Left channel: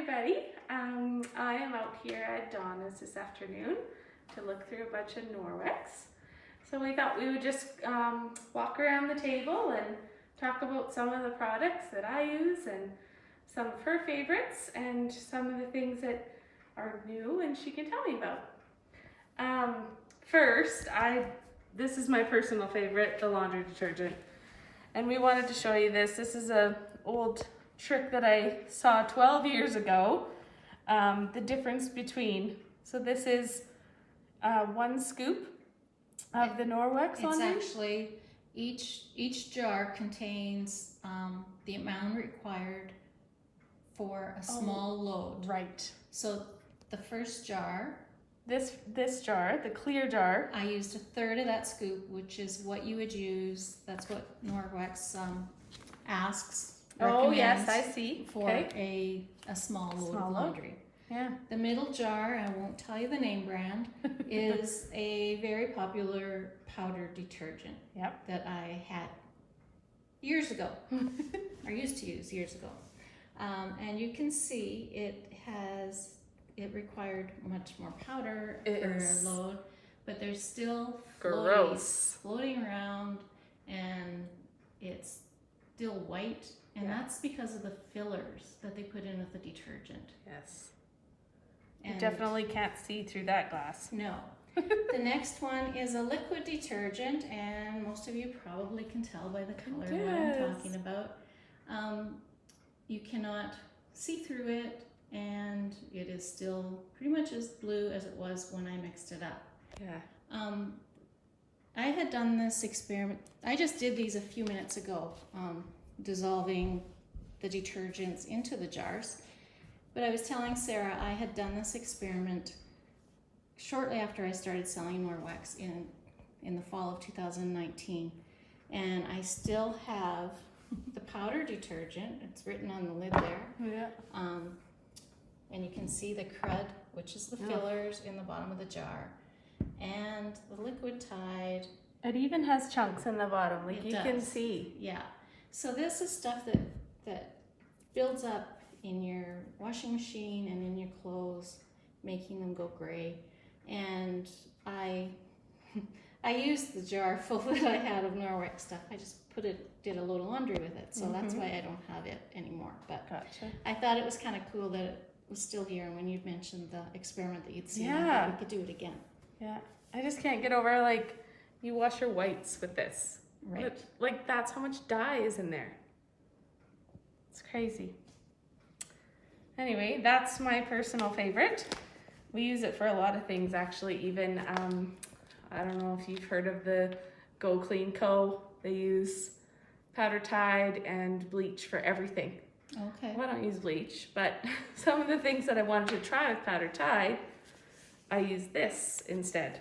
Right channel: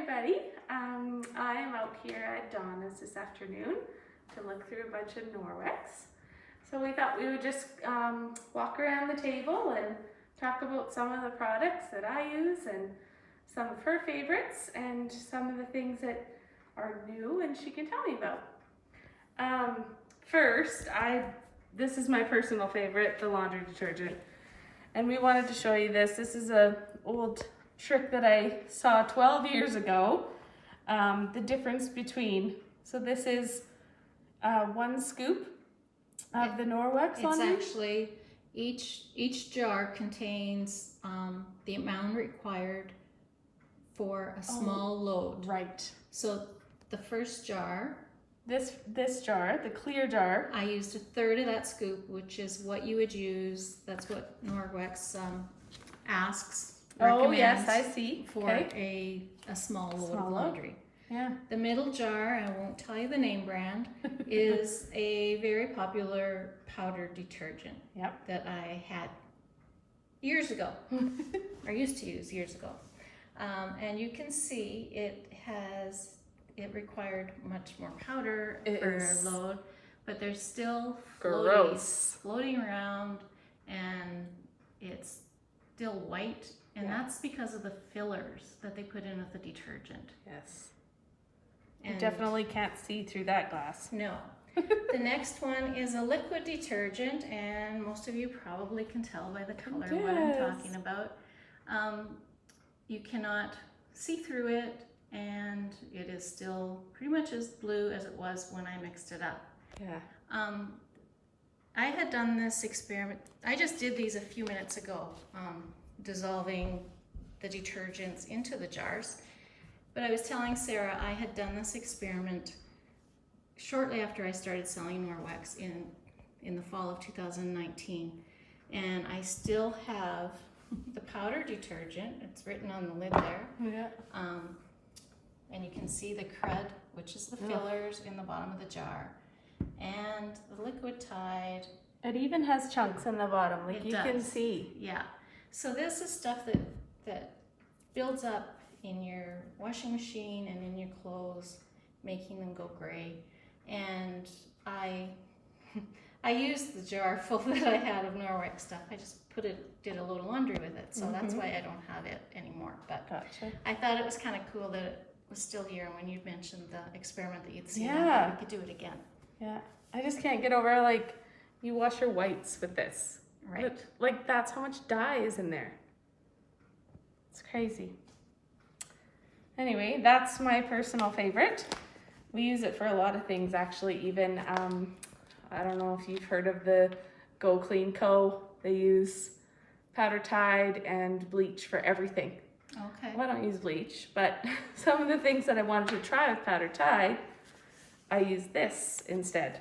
everybody. I am out here at Donna's this afternoon to look through a bunch of Norwex. So we thought we would just walk around the table and talk about some of the products that I use and some of her favorites and some of the things that are new and she can tell me about. First, this is my personal favorite, the laundry detergent. And we wanted to show you this. This is an old trick that I saw 12 years ago. The difference between, so this is 1 scoop of the Norwex laundry. It's actually, each jar contains the amount required for a small load. Right. So the first jar, this jar, the clear jar, I used 1/3 of that scoop, which is what you would use. That's what Norwex asks. oh yes, I see, for a small load of laundry. Yeah. The middle jar, and I won't tell you the name brand, is a very popular powder detergent. Yep. That I had years ago, or used to use years ago. And you can see it required much more powder for a load, but there's still floating around, and it's still white, and that's because of the fillers that they put in with the detergent. Yes. And you definitely can't see through that glass. No. The next one is a liquid detergent, and most of you probably can tell by the color what I'm talking about. You cannot see through it, and it is still pretty much as blue as it was when I mixed it up. Yeah. I had done this experiment. I just did these a few minutes ago, dissolving the detergents into the jars. But I was telling Sarah I had done this experiment shortly after I started selling Norwex in the fall of 2019. And I still have the powder detergent. It's written on the lid there. Yeah. And you can see the crud, which is the fillers in the bottom of the jar. And the liquid Tide. It even has chunks in the bottom, like you can see. Yeah. So this is stuff that builds up in your washing machine and in your clothes, making them go gray. And I used the jar full that I had of Norwex stuff. I just did a little laundry with it, so that's why I don't have it anymore. But gotcha. I thought it was kind of cool that it was still here, and when you mentioned the experiment that you'd seen, yeah, we could do it again. Yeah, I just can't get over, like, you wash your whites with this. Right. Like, that's how much dye is in there. It's crazy. Anyway, that's my personal favorite. We use it for a lot of things, actually. Even, I don't know if you've heard of the Go Clean Co. They use powder Tide and bleach for everything. Okay. Well, I don't use bleach, but some of the things that I wanted to try with powder Tide, I use this instead.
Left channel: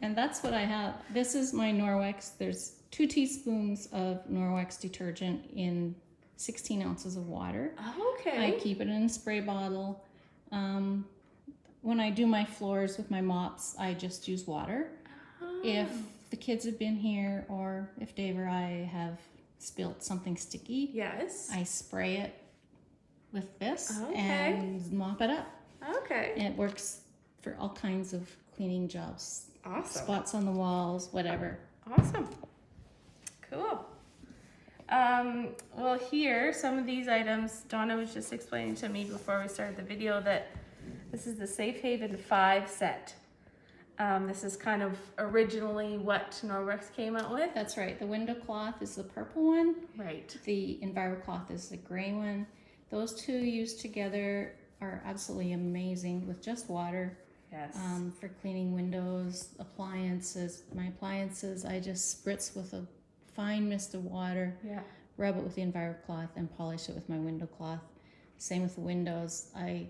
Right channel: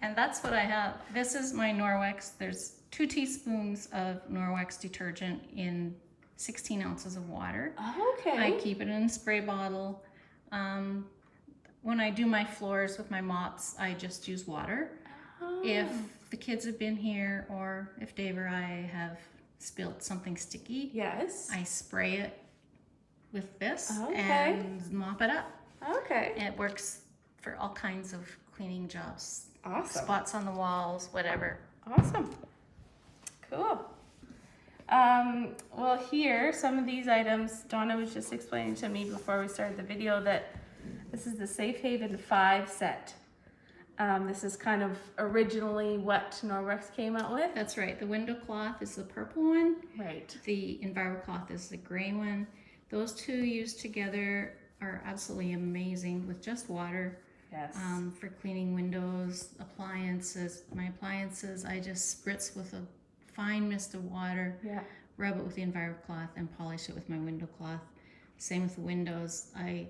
And that's what I have. This is my Norwex. There's 2 teaspoons of Norwex detergent in 16 ounces of water. Okay. I keep it in a spray bottle. When I do my floors with my mops, I just use water. If the kids have been here, or if Dave or I have spilled something sticky, yes, I spray it with this and mop it up. Okay. And it works for all kinds of cleaning jobs. Awesome. Spots on the walls, whatever. Awesome. Cool. Well, here, some of these items, Donna was just explaining to me before we started the video that this is the Safe Haven 5 set. This is kind of originally what Norwex came out with. That's right. The window cloth is the purple one. Right. The Enviro cloth is the gray one. Those two used together are absolutely amazing with just water. Yes. For cleaning windows, appliances. My appliances, I just spritz with a fine mist of water. Yeah. Rub it with the Enviro cloth and polish it with my window cloth. Same with the windows. I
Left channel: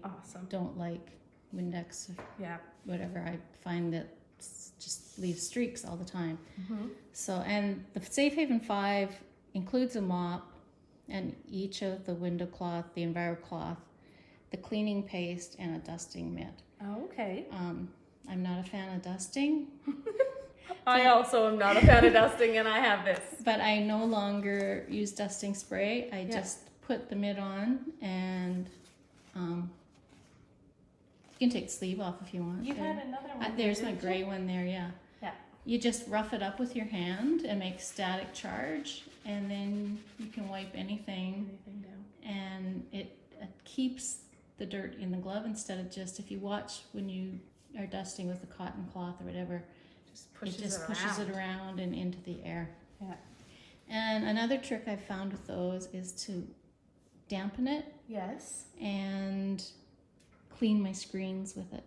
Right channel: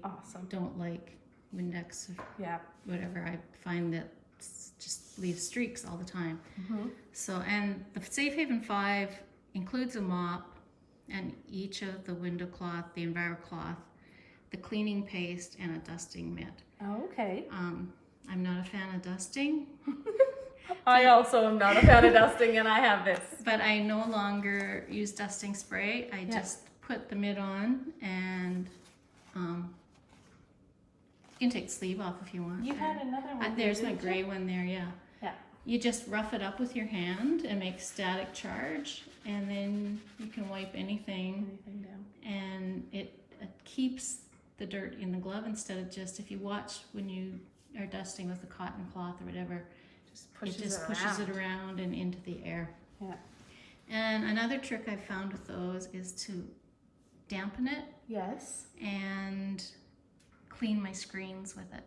don't like Windex or whatever. I find that just leaves streaks all the time. So, and the Safe Haven 5 includes a mop, and each of the window cloth, the Enviro cloth, the cleaning paste, and a dusting mitt. Oh, okay. I'm not a fan of dusting. I also am not a fan of dusting, and I have this. But I no longer use dusting spray. I just put the mitt on and can take the sleeve off if you want. You there. had another one. There's there, my didn't gray you? one there, yeah. Yeah. You just rough it up with your hand and make static charge, and then you can wipe anything, Anything down. and it keeps the dirt in the glove instead of just, if you watch when you are dusting with a cotton cloth or whatever, Just pushes it just pushes it around and into the air. Yeah. And another trick I've found with those is to dampen it Yes. and clean my screens with it.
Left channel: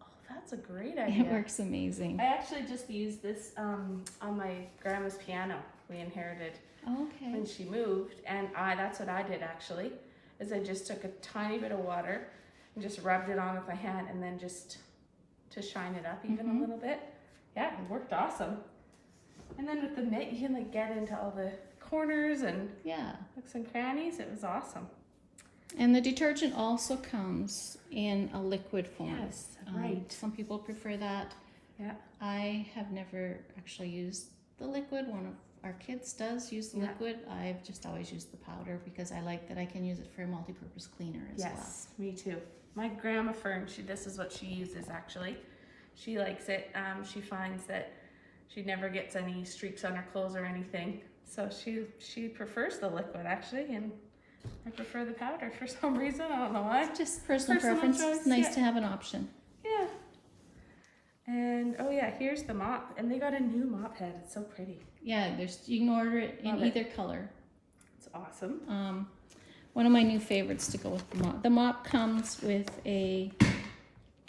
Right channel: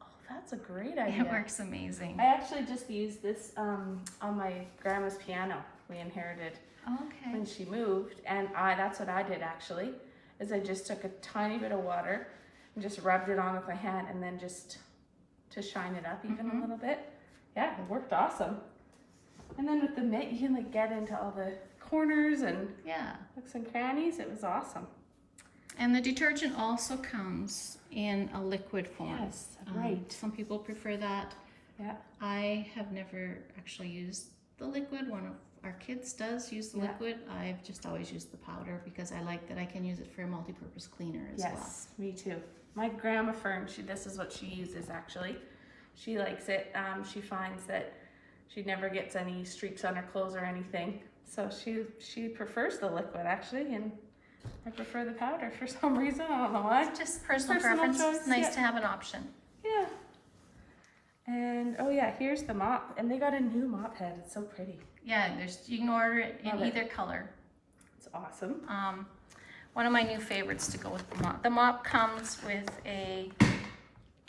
Oh, that's a great idea. It works amazing. I actually just used this on my grandma's piano we inherited Okay. when she moved, and that's what I did actually, is I just took a tiny bit of water and just rubbed it on with my hand, and then just to shine it up even a little bit. Yeah, it worked awesome. And then with the mitt, you can like get into all the corners and Yeah. nooks and crannies. It was awesome. And the detergent also comes in a liquid form. Yes, right. Some people prefer that. Yeah. I have never actually used the liquid. One of our kids does use the Yeah. liquid. I've just always used the powder because I like that I can use it for a multi-purpose cleaner as well. Yes, me too. My grandma Fern, this is what she uses actually. She likes it. She finds that she never gets any streaks on her clothes or anything. So she prefers the liquid actually, and I prefer the powder for some reason. I don't know why. It's just personal Personal preference. choice, It's nice yeah. to have an option. Yeah. And oh yeah, here's the mop, and they got a new mop head. It's so pretty. Yeah, you can order it in Love it. either color. It's awesome. One of my new favorites to go with the mop. The mop comes with a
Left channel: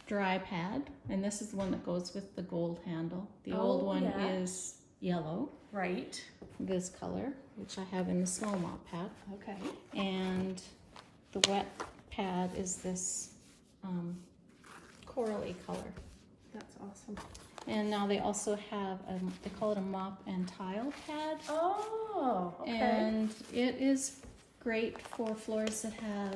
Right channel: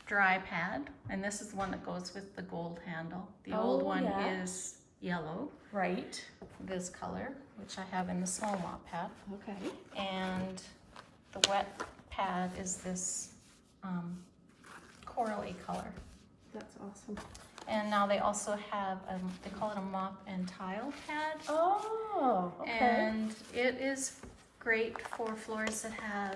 dry pad, and this is the one that goes with the gold handle. The old one yeah. is yellow, Right. this color, which I have in the small mop pad. Okay. And the wet pad is this corally color. That's awesome. And now they also have, they call it a mop and tile pad. Oh, okay. And it is great for floors that have,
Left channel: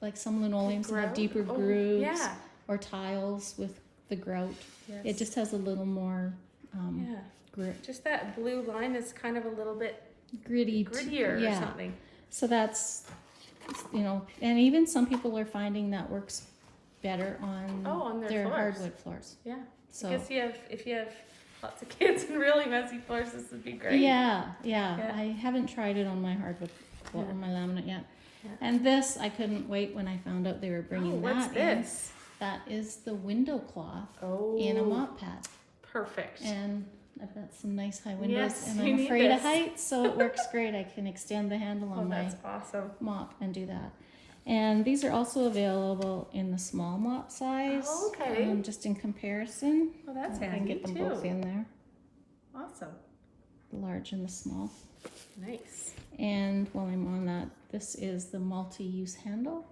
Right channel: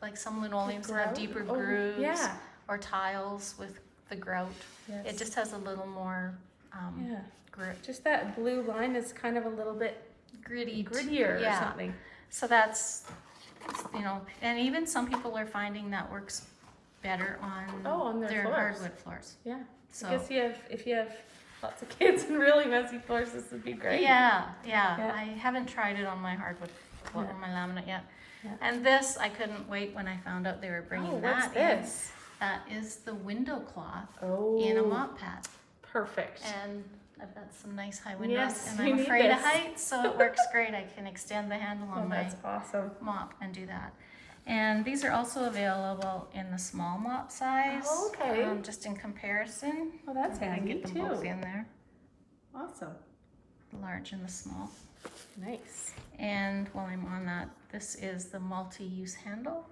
like some linoleums that have Grout? deeper Oh, grooves, yeah. or tiles with the grout. Yes. It just has a little more Yeah. grit, Just that blue line is kind of a little bit gritty, grittier or yeah. something. So that's, you know, and even some people are finding that works better on, On their floors. hardwood floors. Yeah. So I guess if you have lots of kids and really messy floors, this would be great. yeah. Yeah. I haven't tried it on my hardwood, Yeah. on my laminate yet. Yeah. And this, I couldn't wait when I found out they were bringing Oh, what's that in. this? That is the window cloth Oh, in a mop pad. perfect. And I've got some nice high windows, Yes, and we I'm need afraid of this. heights, so it works great. I can extend the handle Oh, on my that's awesome. mop and do that. And these are also available in the small mop size. Oh, okay. Just in comparison. Oh, that's I can handy get them too. both in there, Awesome. the large and the small. Nice. And while I'm on that, this is the multi-use handle.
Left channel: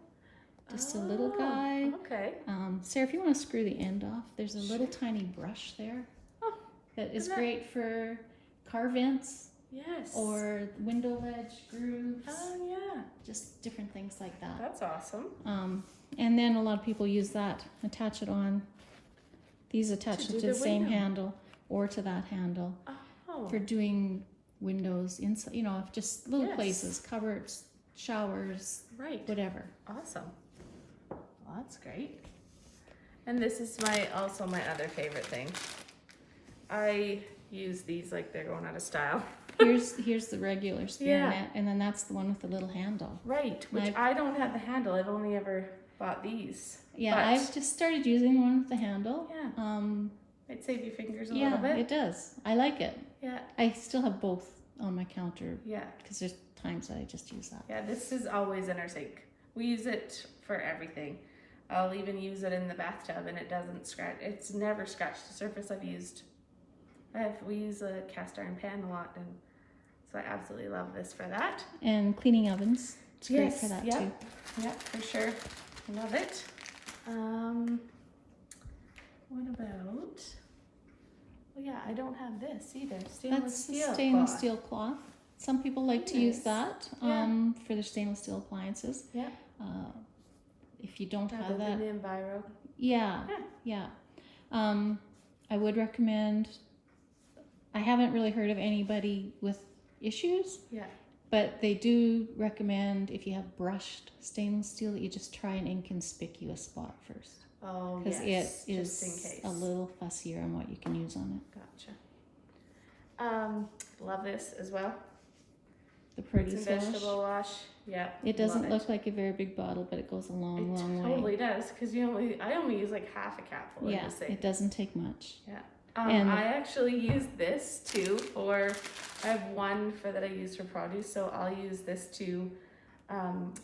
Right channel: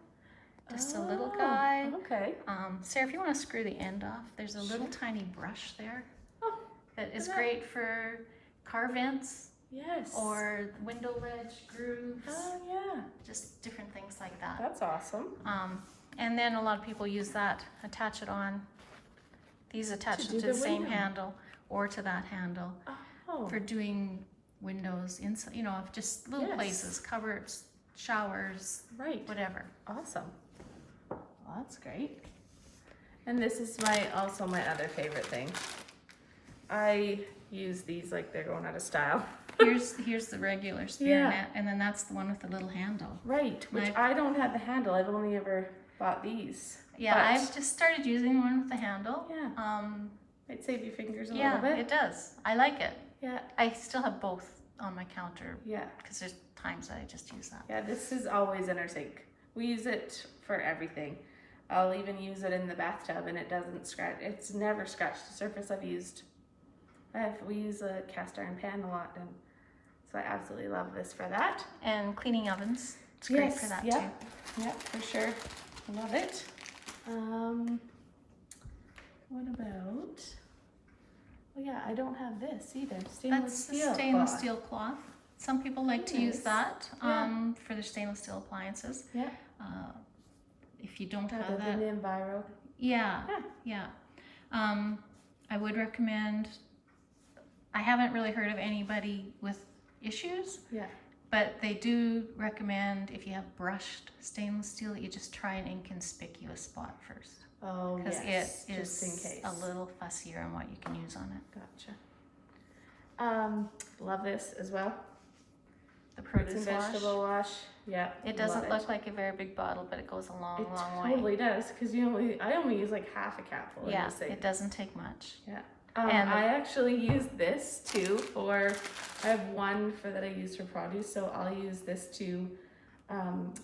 Just a little guy. Okay. Sarah, if you want to screw the end off, there's a little Sure. tiny brush there Oh, that is that- great for car vents yes. or window ledge grooves, Oh, yeah. just different things like that. That's awesome. And then a lot of people use that, attach it on. These attach To it do to the the same window. handle or to that handle Oh. for doing windows inside, you know, just little Yes. places, cupboards, showers, Right. whatever. Awesome. Well, that's great. And this is also my other favorite thing. I use these like they're going out of style. Here's the regular spear Yeah. net, and then that's the one with the little handle. Right, which I don't have the handle. I've only ever bought these. Yeah, But- I've just started using one with the handle. Yeah. Might save your fingers a Yeah, little bit. it does. I like it. Yeah. I still have both on my counter Yeah. because there's times that I just use that. Yeah, this is always in our sink. We use it for everything. I'll even use it in the bathtub and it doesn't scratch. It's never scratched the surface I've used. We use a cast iron pan a lot, and so I absolutely love this for that. And cleaning ovens. It's great for that yeah. too. Yeah, for sure. Love it. What about? Oh yeah, I don't have this either. Stainless That's the steel. stainless cloth. steel cloth. Some people like to use Nice. that Yeah. for their stainless steel appliances. Yeah. If you don't Rather have than that, Enviro. yeah. I would recommend. I haven't really heard of anybody with issues, Yeah. but they do recommend if you have brushed stainless steel that you just try an inconspicuous spot first. Oh, because yes, it just in is case. a little fussier on what you can use on it. Gotcha. Love this as well. The Fruits produce and wash. vegetable wash. Yeah. It doesn't love look like a very big bottle, but it goes a long, It long way. totally does, because I only use like half a capful in Yeah, this thing. it doesn't take much. Yeah. And- I actually use this too I have one that I use for produce, so I'll use this to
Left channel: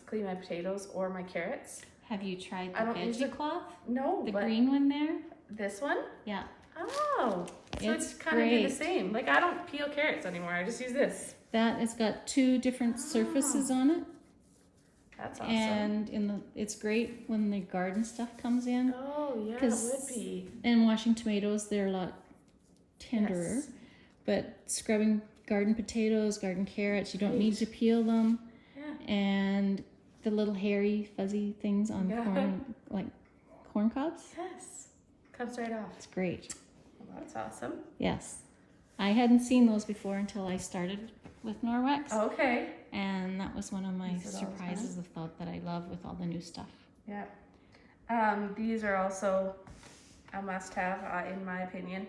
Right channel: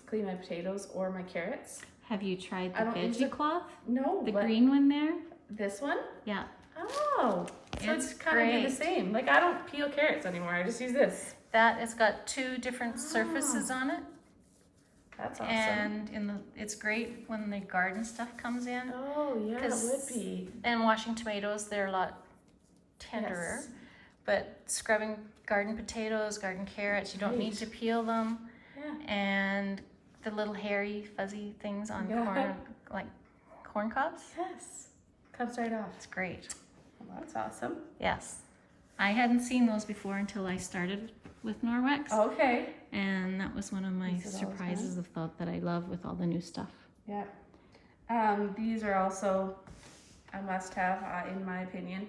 clean my potatoes or my carrots. Have you tried I the don't use veggie cloth? No, The but green one there? this one? Yeah. Oh, so It's it's kind of do the great. same. Like I don't peel carrots anymore. I just use this. That has got 2 different surfaces on it. That's awesome. And it's great when the garden stuff comes in. Oh yeah, it 'Cause- would be. And washing tomatoes, they're a lot tenderer. Yes. But scrubbing garden potatoes, garden carrots, you don't need Right. to peel them. Yeah. And the little hairy, fuzzy things on Yeah. corn, like corn cobs, Yes. Comes right off. it's great. Well, that's awesome. Yes. I hadn't seen those before until I started with Norwex. Okay. And that was one of my Use it all the surprises of thought that I love with all the new stuff. Yeah. These are also a must-have, in my opinion.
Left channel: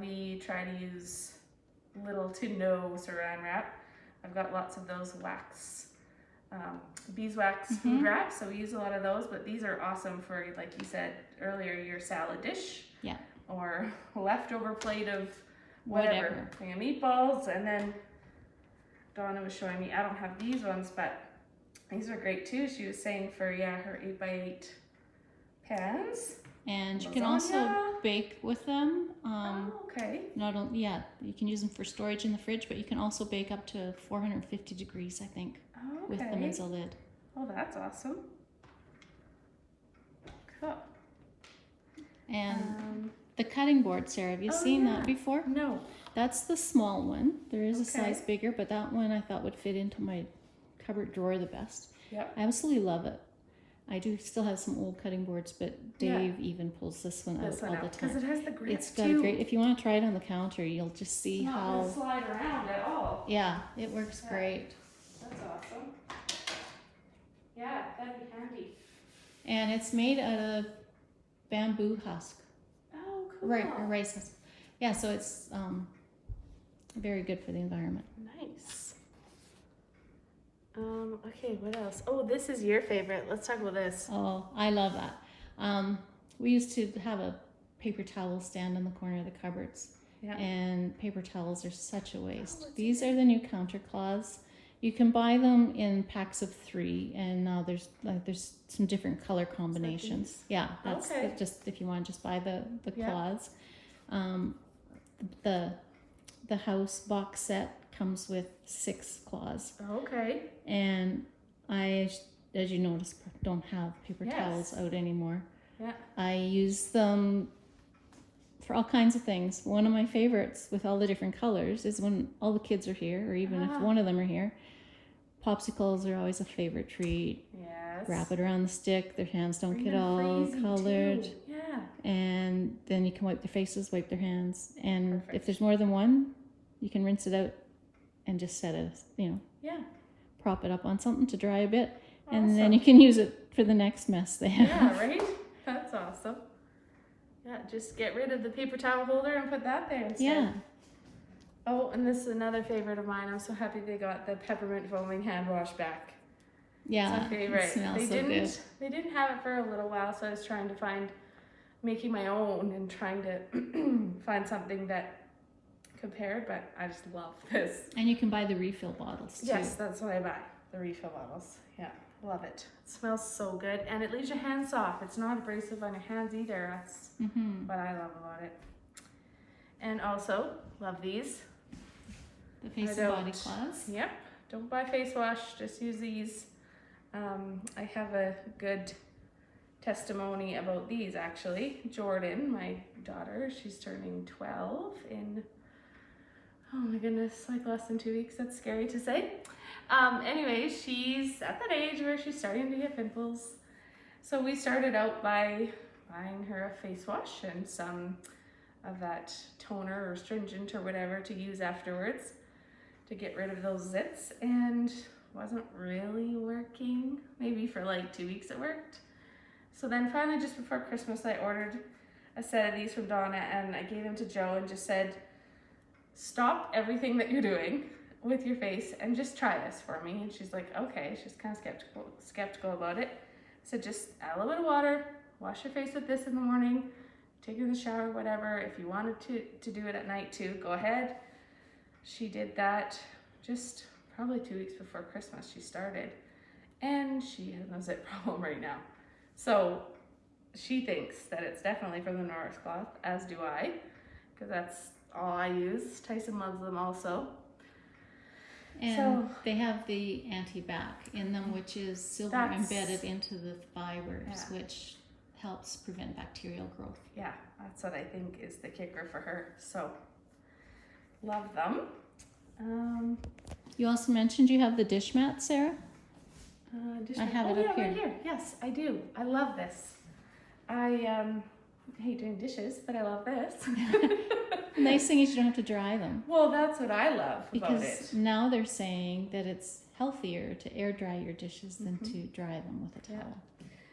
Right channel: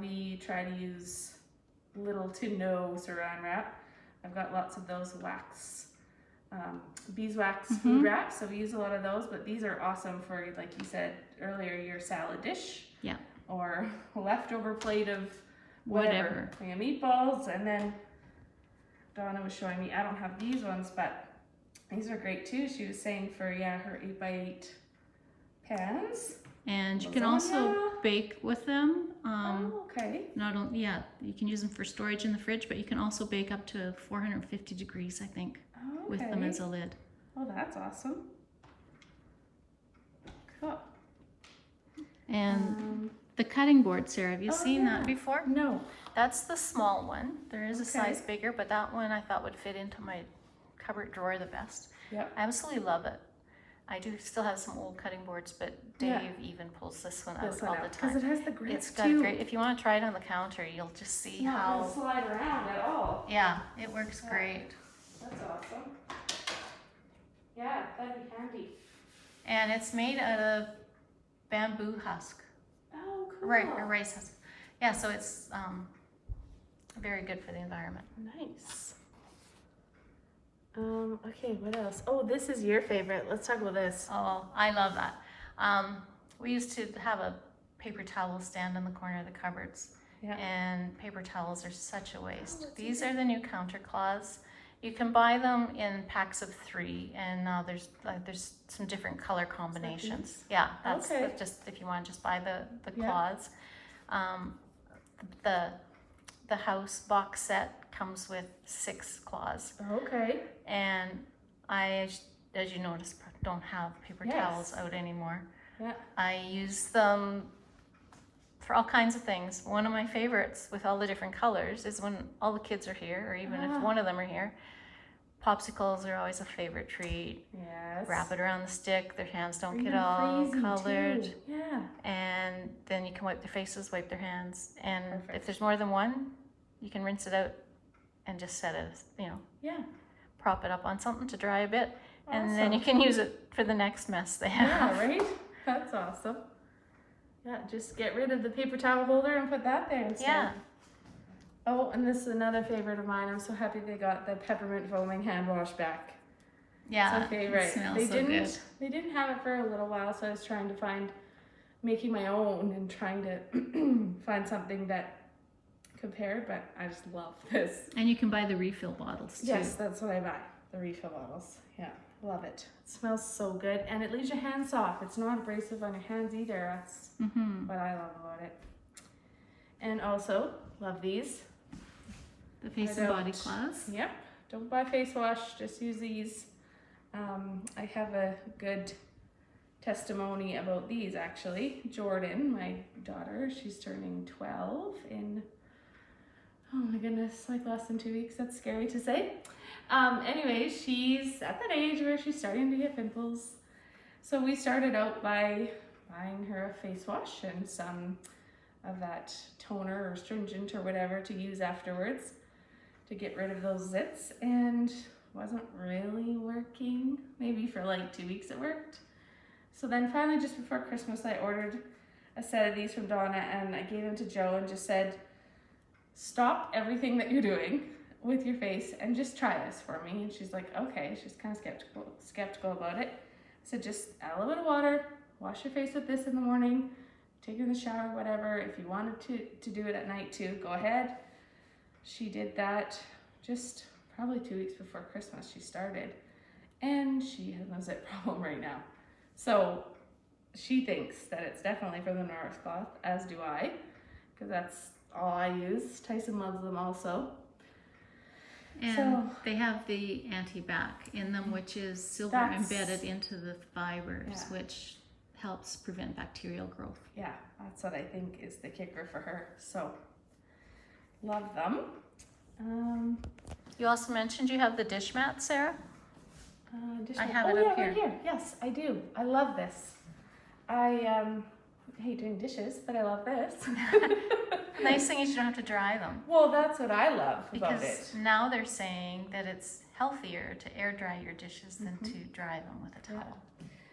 We try to use little to no saran wrap. I've got lots of those beeswax food wraps, so we use a lot of those, but these are awesome for, like you said earlier, your salad dish. Yeah. Or a leftover plate of whatever. Thing of meatballs, and then Donna was showing me, I don't have these ones, but these are great too. She was saying for, her 8x8 pans. And you can Lasagna. also bake with them. Okay. Not only, you can use them for storage in the fridge, but you can also bake up to 450 degrees, I think, with them as a lid. Oh, that's awesome. Cool. And the cutting board, Sarah, have you seen that before? No. That's the small one. There is a Okay. size bigger, but that one I thought would fit into my cupboard drawer the best. Yep. I absolutely love it. I do still have some old cutting boards, but Dave even pulls this one out This one all out, the because time. it has the grip It's got too. a great, if you want to try it on the counter, you'll just see It's not how, gonna slide around at all. yeah, it works great. That's awesome. Yeah, that'd be handy. And it's made out of bamboo husk, Oh, cool. right, or rice husk. Yeah, so it's very good for the environment. Nice. Okay, what else? Oh, this is your favorite. Let's talk about this. Oh, I love that. We used to have a paper towel stand in the corner of the cupboards. Yeah. And paper towels are such a waste. what's These are the new counter cloths. You can buy them in packs of 3, and now there's some different color combinations. these? Yeah, that's Okay. just if you want to just buy the Yeah. cloths. The house box set comes with 6 cloths, Okay. and I, as you notice, don't have paper Yes. towels out anymore. Yeah. I use them for all kinds of things. One of my favorites with all the different colors is when all the kids are here, or even if one of them are here. Popsicles are always a favorite treat. Yes. Wrap it around the stick, their hands don't Bring get them all crazy, colored. too. Yeah. And then you can wipe their faces, wipe their hands. And Perfect. if there's more than one, you can rinse it out and just set it, Yeah. prop it up on something to dry a bit. Awesome. And then you can use it for the next mess they have. Yeah, right? That's awesome. Yeah, just get rid of the paper towel holder and put that there instead. Yeah. Oh, and this is another favorite of mine. I'm so happy they got the peppermint foaming hand wash back. Yeah, It's my favorite. it smells They so didn't good. they didn't have it for a little while, so I was trying to making my own and trying to find something that compared, but I just love this. And you can buy the refill bottles too. Yes, that's what I buy. The refill bottles. Yeah, love it. It smells so good, and it leaves your hands soft. It's not abrasive on your hands either. That's what I love about it. And also, love these. The face I and body don't- cloths. Yep. Don't buy face wash. Just use these. I have a good testimony about these actually. Jordan, my daughter, she's turning 12 in, oh my goodness, like less than 2 weeks. That's scary to say. Anyway, she's at that age where she's starting to get pimples. So we started out by buying her a face wash and some of that toner or astringent or whatever to use afterwards to get rid of those zits, and wasn't really working. Maybe for like 2 weeks it worked. So then finally, just before Christmas, I ordered a set of these from Donna, and I gave them to Joe and just said, stop everything that you're doing with your face and just try this for me. And she's like, okay. She's kind of skeptical about it. I said, just add a little bit of water, wash your face with this in the morning, take it in the shower, whatever. If you wanted to do it at night too, go ahead. She did that just probably 2 weeks before Christmas she started, and she has no zit problem right now. So she thinks that it's definitely from the Norwex cloth, as do I, because that's all I use. Tyson loves them also. And they have the anti-bac in them, which is silver embedded into the fibers, which helps prevent bacterial growth. Yeah, that's what I think is the kicker for her. So, love them. You also mentioned you have the dish mat, Sarah? I have it up here. Right here. Yes, I do. I love this. I hate doing dishes, but I love this. Nice thing is you don't have to dry them. Well, that's what I love about Because it. now they're saying that it's healthier to air dry your dishes than to dry them with a towel.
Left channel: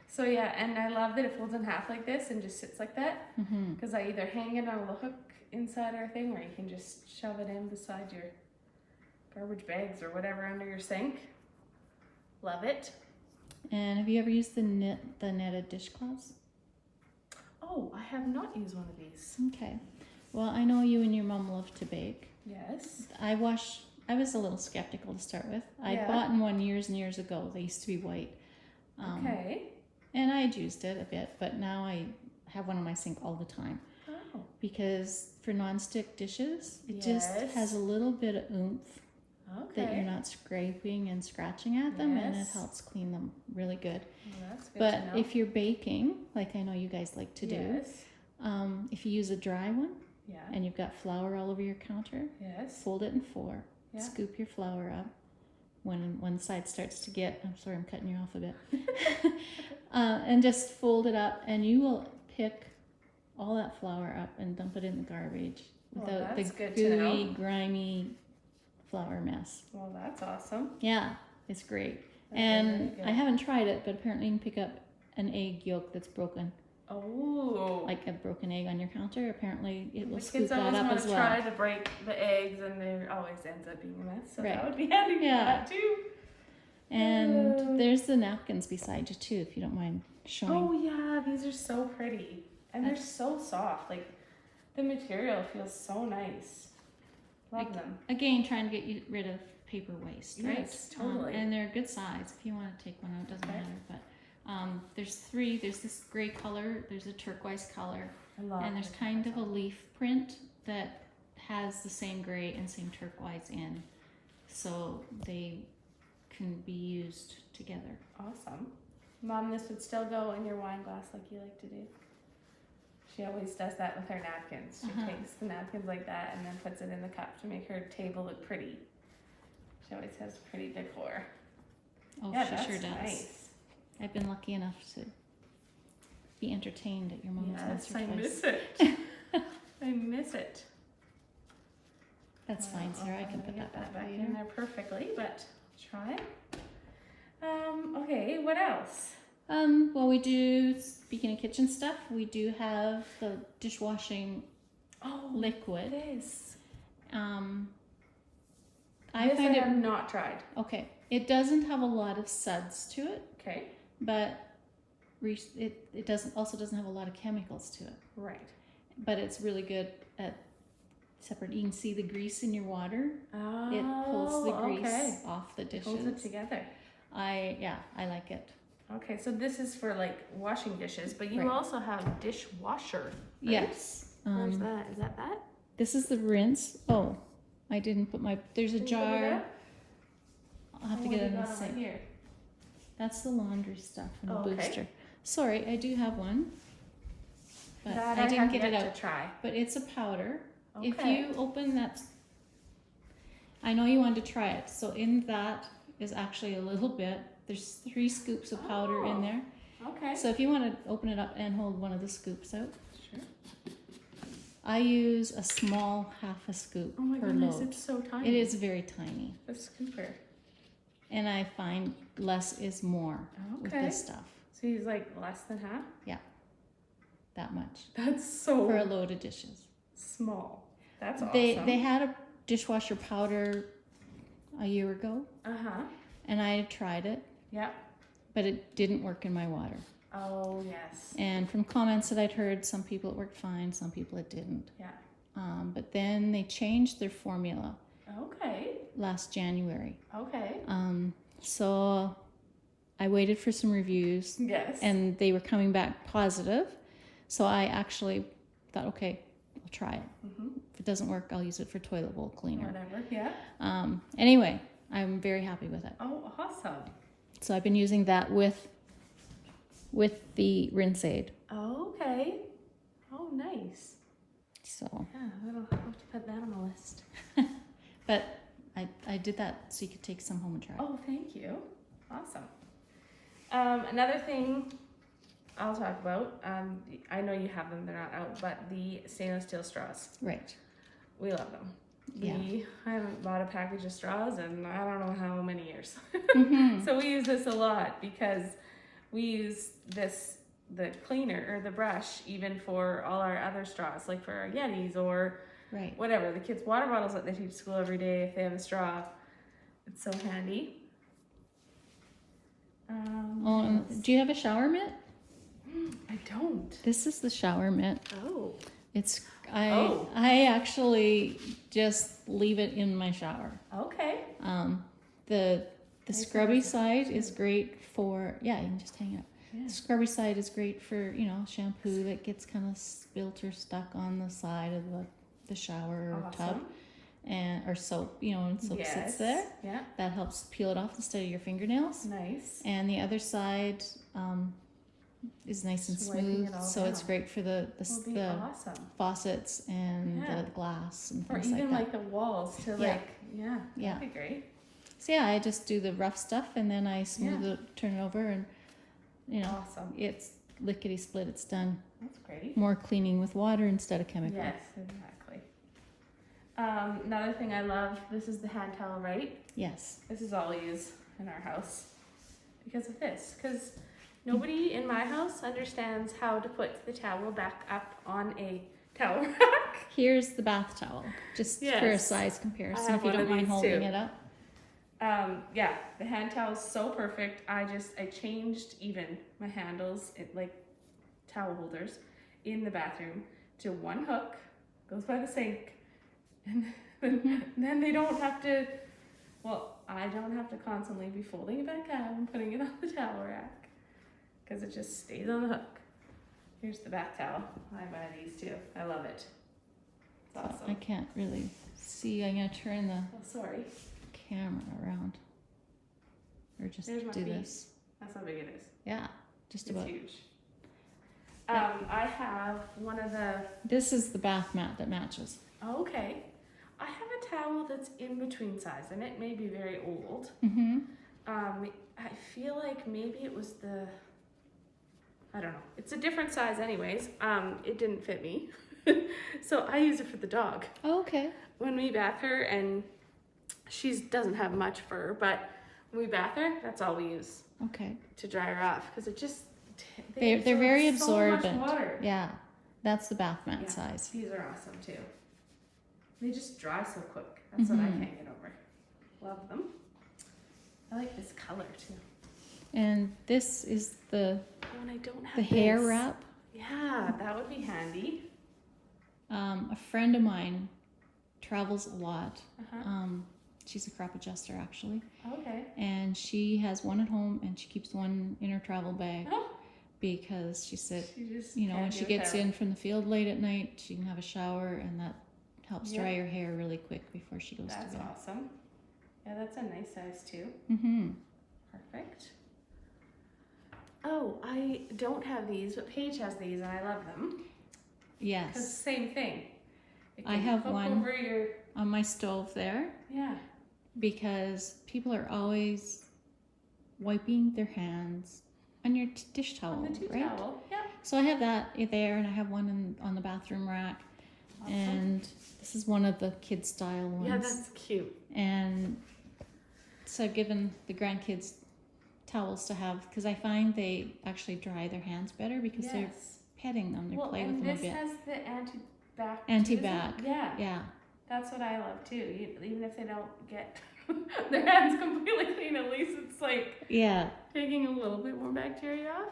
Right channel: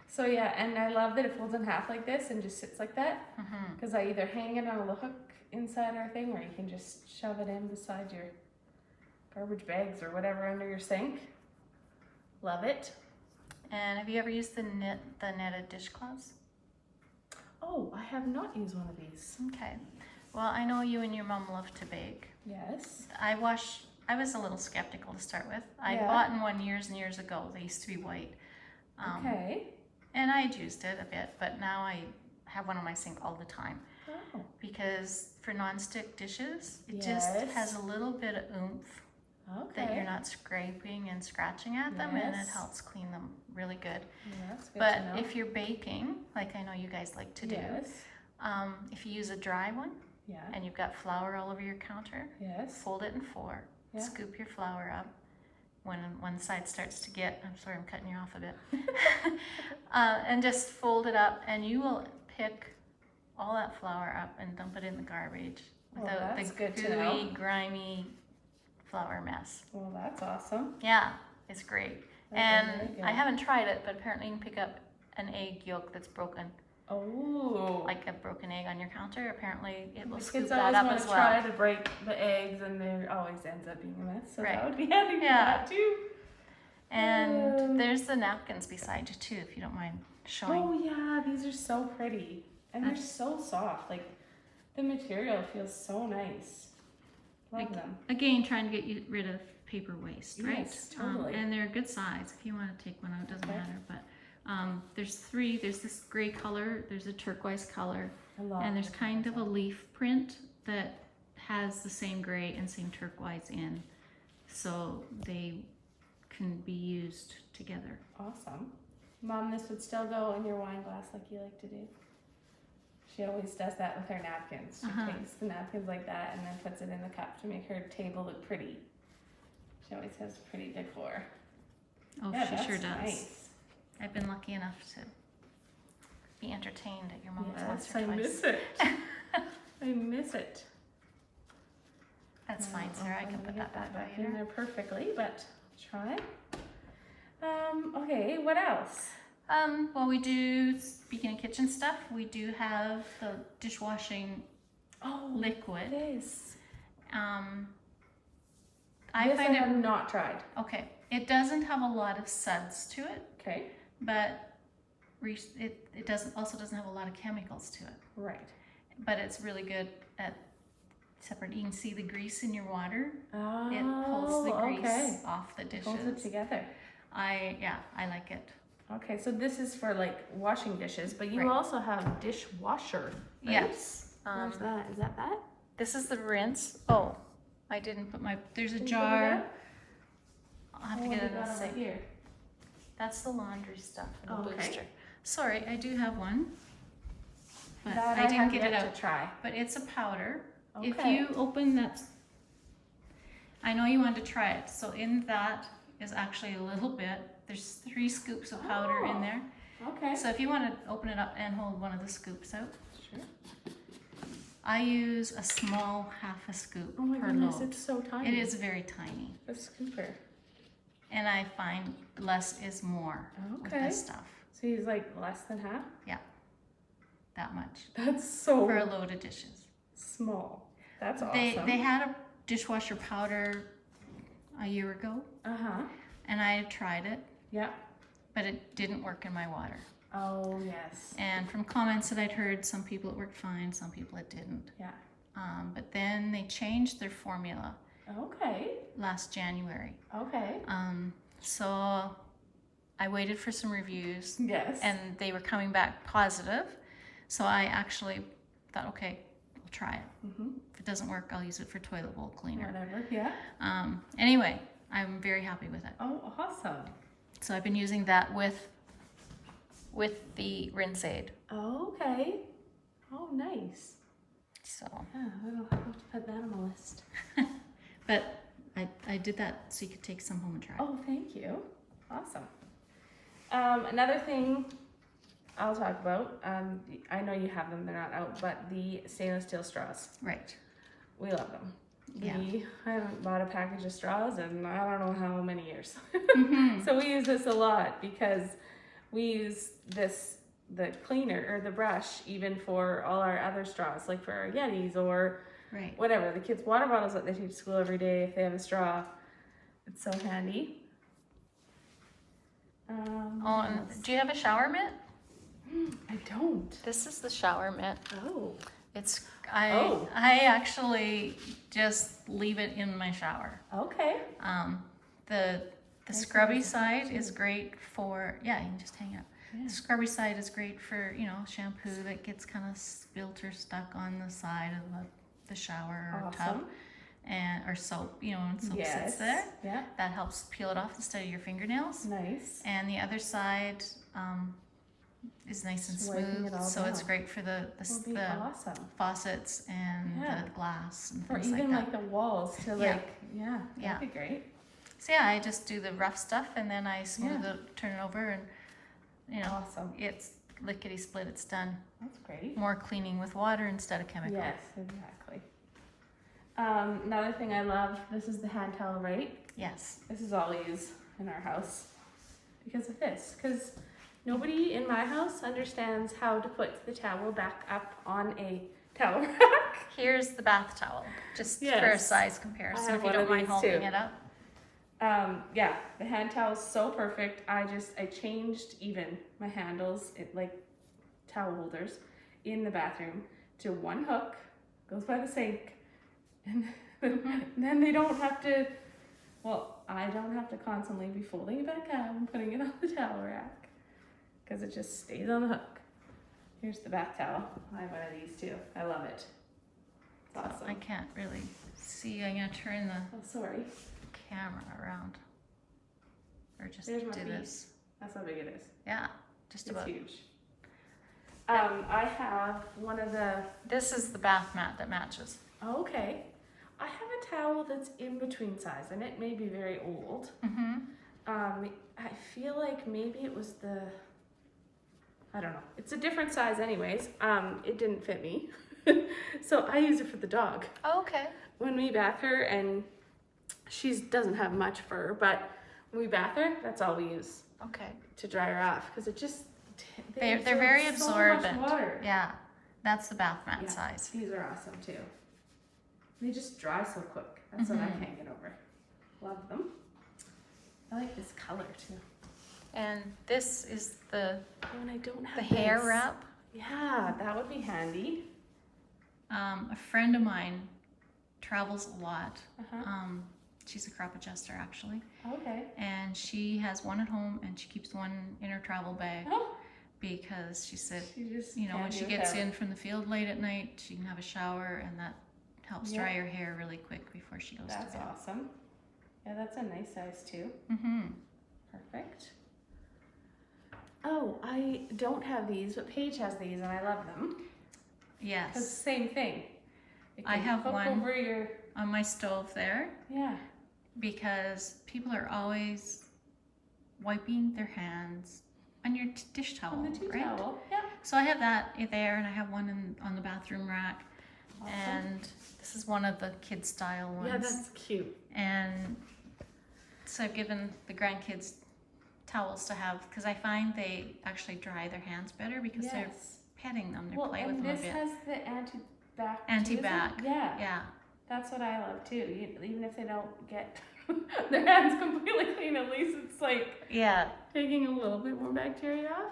So yeah, and I love that it folds in half like this and just sits like that. Because I either hang it on a hook inside our thing, or you can just shove it in beside your garbage bags or whatever under your sink. Love it. And have you ever used the netted dishcloths? Oh, I have not used one of these. Okay. Well, I know you and your mom love to bake. Yes. I was a little skeptical to start with. I bought one years and years ago. They used to be white. Okay. And I had used it a bit, but now I have one on my sink all the time. Oh. Because for non-stick dishes, it just has a little bit of oomph that you're not scraping and scratching at them, and it helps clean them really good. Well, that's good But to know. if you're baking, like I know you guys like to do, if you use a dry one and you've got flour all over your counter, fold it in four, scoop your flour up. When one side starts to get, I'm sorry, I'm cutting you off a bit, and just fold it up, and you will pick all that flour up and dump it in the garbage without the gooey, grimy flour mess. Well, that's awesome. Yeah, it's great. And I haven't tried it, but apparently you can pick up an egg yolk that's broken. Oh. Like a broken egg on your counter. Apparently it will The scoop kids that always up want as to well. try to break the eggs, and there always ends up being a mess. So that would be handy for Yeah. that too. And there's the napkins beside you too, if you don't mind showing. Oh yeah, these are so pretty. And they're so soft. Like, the material feels so nice. Love them. Again, trying to get rid of paper waste, right? Yes, totally. And they're good size. If you want to take one out, it doesn't matter. But there's three. There's this gray color. There's a turquoise color. And there's kind of a leaf print that has the same gray and same turquoise in. So they can be used together. Awesome. Mom, this would still go in your wine glass like you like to do. She always does that with her napkins. She takes the napkins like that and then puts it in the cup to make her table look pretty. She always has pretty decor. Oh, yeah, she sure does. Nice. I've been lucky enough to be entertained at your mom's once or I twice. miss it. I miss it. That's fine, Sarah. I can put that back in there perfectly, but try. Okay, what else? Well, we do, speaking of kitchen stuff, we do have the dishwashing liquid. This. I have not tried. Okay. It doesn't have a lot of suds to it. Okay. But it doesn't have a lot of chemicals to it. Right. But it's really good at separating. You can see the grease in your water. Oh, it pulls the grease off the dishes. It holds it together. I like it. Okay, so this is for like washing dishes, but you also have dishwasher. Right? Yes. Where's that? Is that that? This is the rinse. Oh, I didn't put there's a jar. I'll have to get it in a second. Here. That's the laundry stuff and the booster. Sorry, I do have one. But that I didn't get it yet out. To try. But it's a powder. Okay. If you open that, I know you wanted to try it. So in that is actually a little bit. There's 3 scoops of powder in there. Okay. So if you want to open it up and hold one of the scoops out. Sure. I use a small half a scoop Oh my per goodness, load. it's so tiny. It is very tiny. A scooper. And I find less is more with this stuff. So he's like less than half? that much That's so for a load of dishes. small. That's awesome. They had a dishwasher powder a year ago, Uh-huh. and I tried it, Yeah. but it didn't work in my water. Oh, yes. And from comments that I'd heard, some people it worked fine, some people it didn't. Yeah. But then they changed their formula Okay. last January. Okay. So I waited for some reviews, Yes. and they were coming back positive. So I actually thought, okay, I'll try it. Mm-hmm. If it doesn't work, I'll use it for toilet bowl cleaner. Whatever. Yeah. Anyway, I'm very happy with it. Oh, awesome. So I've been using that with the rinse aid. Okay. Oh, nice. So, Yeah, I'll have to put that on my list. but I did that so you could take some home and try. Oh, thank you. Awesome. Another thing I'll talk about, I know you have them, they're not out, but the stainless steel straws. Right. We love them. Yeah. I haven't bought a package of straws in I don't know how many years. Mhm. So we use this a lot because we use the cleaner or the brush even for all our other straws, like for our Yetis or Right. whatever. The kids' water bottles that they take to school every day, if they have a straw, it's so handy. Oh, and do you have a shower mitt? I don't. This is the shower mitt. Oh. It's Oh. I actually just leave it in my shower. Okay. The see scrubby that's side is great for you can just hang it up. Yeah. The scrubby side is great for shampoo that gets kind of spilt or stuck on the side of the shower or tub, Awesome. or soap. And soap sits there. Yeah. That helps peel it off instead of your fingernails. Nice. And the other side is nice and Just wiping smooth, it all so it's down. great for the Will be awesome. faucets and Yeah. the glass and Or things even like that. like the walls to Yeah. that'd Yeah. be great. So I just do the rough stuff and then I smooth Yeah. it, turn it over, and Awesome. it's lickety split. It's done. That's great. More cleaning with water instead of chemical. Yes, exactly. Another thing I love, this is the hand towel, right? Yes. This is all we use in our house because of this. Because nobody in my house understands how to put the towel back up on a towel rack. Here's the bath towel, just for a Yes. size comparison. have If you one don't of mind these holding too. it up. Yeah, the hand towel is so perfect. I changed even my handles, towel holders, in the bathroom to one hook, goes by the sink, and then they don't have to. Well, I don't have to constantly be folding it back up and putting it on the towel rack because it just stays on the hook. Here's the bath towel. I have one of these too. I love it. It's awesome. I can't really see. I'm gonna turn the Oh, sorry. camera around, or just There's my do feet. this. That's how big it is. Yeah, just It's about. huge. I have one of the. This is the bath mat that matches. Oh, okay. I have a towel that's in between size, and it may be very old. Mm-hmm. I feel like maybe it was I don't know. It's a different size, anyways. It didn't fit me, so I use it for the dog. Oh, okay. When we bath her, and she doesn't have much fur, but when we bath her, that's all we use Okay. to dry her off because it just They're very absorb absorbent. So much water. Yeah, that's the bath mat Yeah. size. These are awesome too. They just dry so quick. That's what I Mhm. can't get over. Love them. I like this color too. And this is the Oh, and I don't have the hair this. wrap. Yeah, that would be handy. A friend of mine travels a lot. Uh-huh. She's a crop adjuster actually, Okay. and she has one at home and she keeps one in her travel bag Oh, because she said, she just when can't she do gets without. in from the field late at night, she can have a shower, and that helps Yeah. dry her hair really quick before she goes That's to bed. awesome. Yeah, that's a nice size too. Mm-hmm. Perfect. Oh, I don't have these, but Paige has these, and I love them. Because Yes, same thing. It I can have hook one. over your. on my stove there, Yeah. because people are always wiping their hands on your dish towel, On the tea right? towel. Yeah. So I have that there, and I have one on the bathroom rack, Awesome. and this is one of the kid style ones. Yeah, that's cute. And so I've given the grandkids towels to have, because I find they actually dry their hands better because they're Yes. petting them, they Well, play with and them a this bit. has the anti-bac. too, Anti-bac. isn't it? Yeah. Yeah. That's what I love too. Even if they don't get their hands completely clean, at least it's like Yeah. taking a little bit more bacteria off.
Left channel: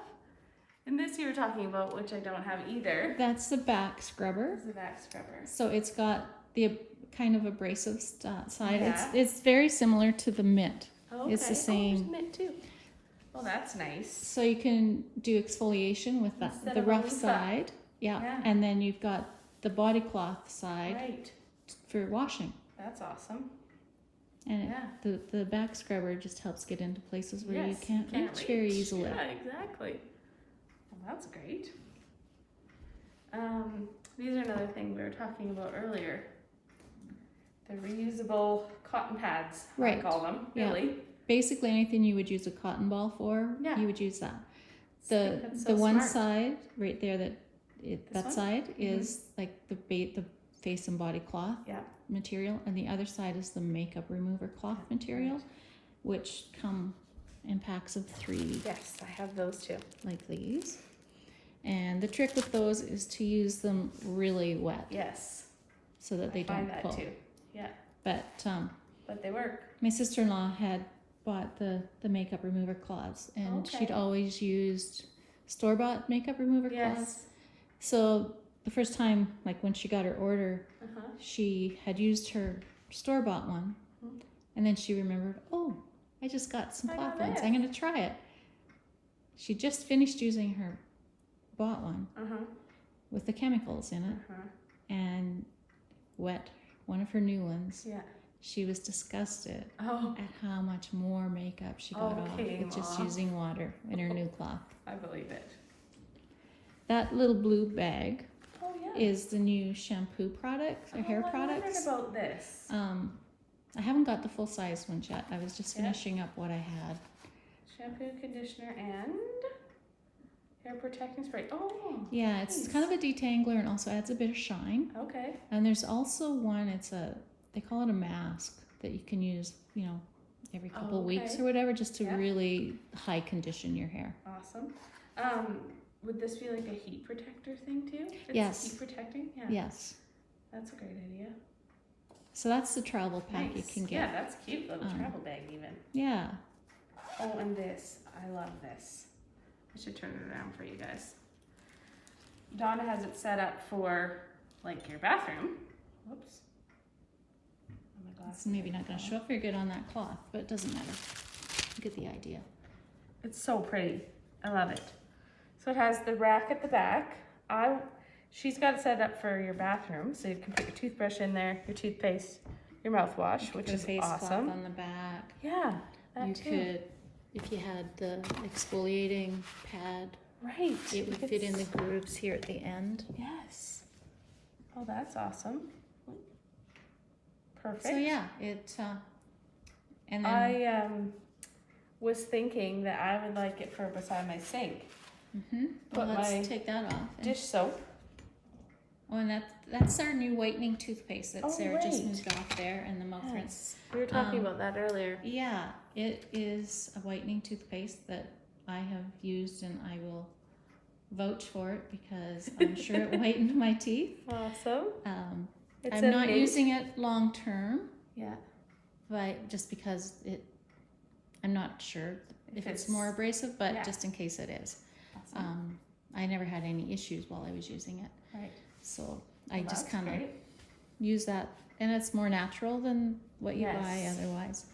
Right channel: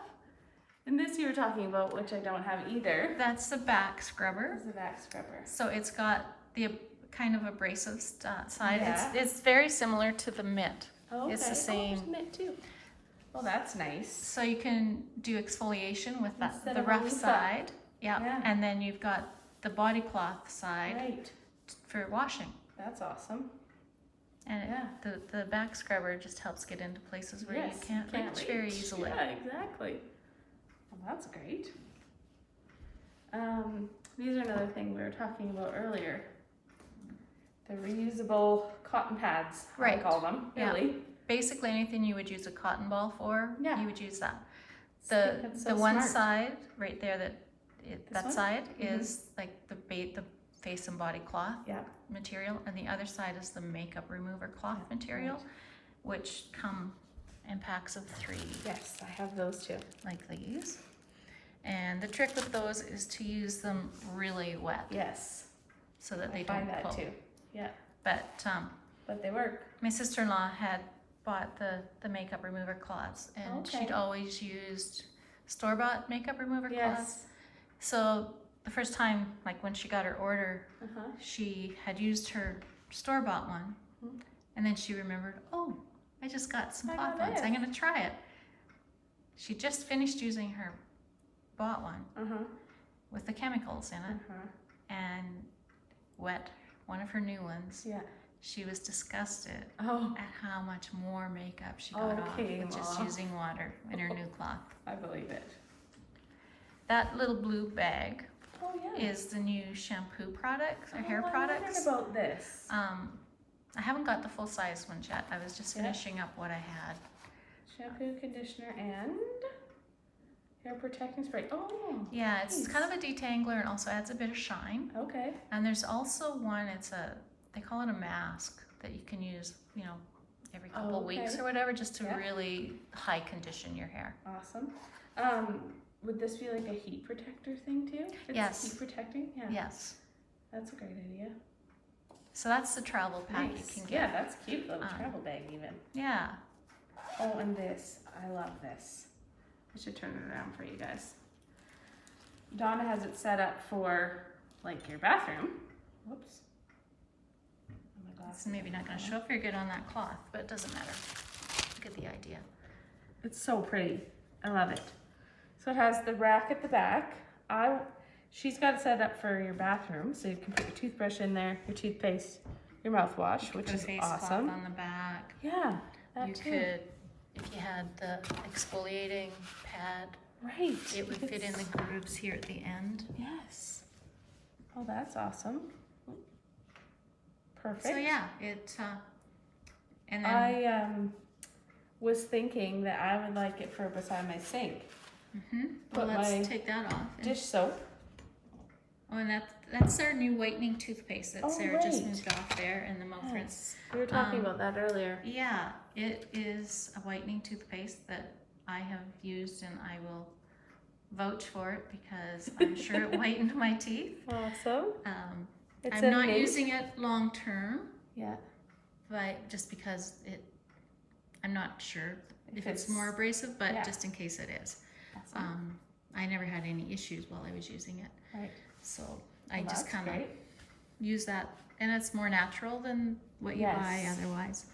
And this you were talking about, which I don't have either, That's the back scrubber. is the back scrubber. So it's got the kind of abrasive side. Yeah. It's very similar to the mitt. Oh, okay. It's the Oh, there's same. mitt too. Oh, that's nice. So you can do exfoliation with that, Instead the of a rough loofah. side. Yeah. Yeah. And then you've got the body cloth side Right. for washing. That's awesome. And Yeah. the back scrubber just helps get into places where Yes, you can't reach very easily. Yeah, exactly. Well, that's great. These are another thing we were talking about earlier. The reusable cotton pads, I Right. call them, Yeah. really. Basically anything you would use a cotton ball for, Yeah. you would use that. I think that's so The one smart. side right there This that one? side Mhm. is like the face and body cloth Yeah. material, and the other side is the makeup remover cloth Yeah, material, right. which come in packs of 3 Yes, I have those too. like these. And the trick with those is to use them really wet Yes, so that they I find don't that pull. too. Yeah, But but they work. my sister-in-law had bought the makeup remover cloths, and she'd Okay. always used store-bought makeup remover cloths. Yes. So the first time, like when she got her order, Uh-huh. she had used her store-bought one, Mhm. and then she remembered, oh, I just got some I cloth got ones. this. I'm gonna try it. She just finished using her bought one Uh-huh. with the chemicals in it, Uh-huh. and wet one of her new ones. Yeah. She was disgusted Oh, at how much more makeup she got off Okay, with just Ma. using water in her new cloth. I believe it. That little blue bag Oh, yeah. is the new shampoo products or hair I wondered products. about this. I haven't got the full size ones yet. I was just Yeah. finishing up what I had. Shampoo, conditioner, and hair protecting spray. Oh, Yeah, it's kind of a detangler and also adds a bit of shine. okay. And there's also one, they call it a mask that you can use, every couple of weeks Okay. or whatever, just to Yeah. really high condition your hair. Awesome. Would this be like a heat protector thing too? It's Yes. Heat protecting? Yeah. Yes. That's a great idea. So that's the travel pack Nice. you can Yeah, get. that's cute little Um, travel bag even. Yeah. Oh, and this. I love this. I should turn it around for you guys. Donna has it set up for like your bathroom. Whoops. Oh, my It's glasses maybe are not going to show falling. up very good on that cloth, but it doesn't matter. You get the idea. It's so pretty. I love it. So it has the rack at the back. She's got it set up for your bathroom, so you can put your toothbrush in there, your toothpaste, your mouthwash, which Put a is face cloth awesome. on the back. Yeah, that You too. could, if you had the exfoliating pad, Right. it would you fit could in the grooves here at the end. Yes. Oh, that's awesome. Perfect. So yeah, and then I was thinking that I would like it for beside my sink. well, put let's my take that off. And- Dish soap. Oh, and that's our new whitening toothpaste that Oh, Sarah just right. moved off there, and the mouth rinse. Yes. We were talking Um, about that earlier. Yeah, it is a whitening toothpaste that I have used, and I will vouch for it because I'm sure it whitened my teeth. Awesome. It's I'm a not mint. using it long term, Yeah. but just because I'm not sure if it's it's- more abrasive, but yeah. just in case it is. Awesome. I never had any issues while I was using it, Right. so I Well, just that's kind of great. use that, and it's more natural than what you buy Yes. otherwise.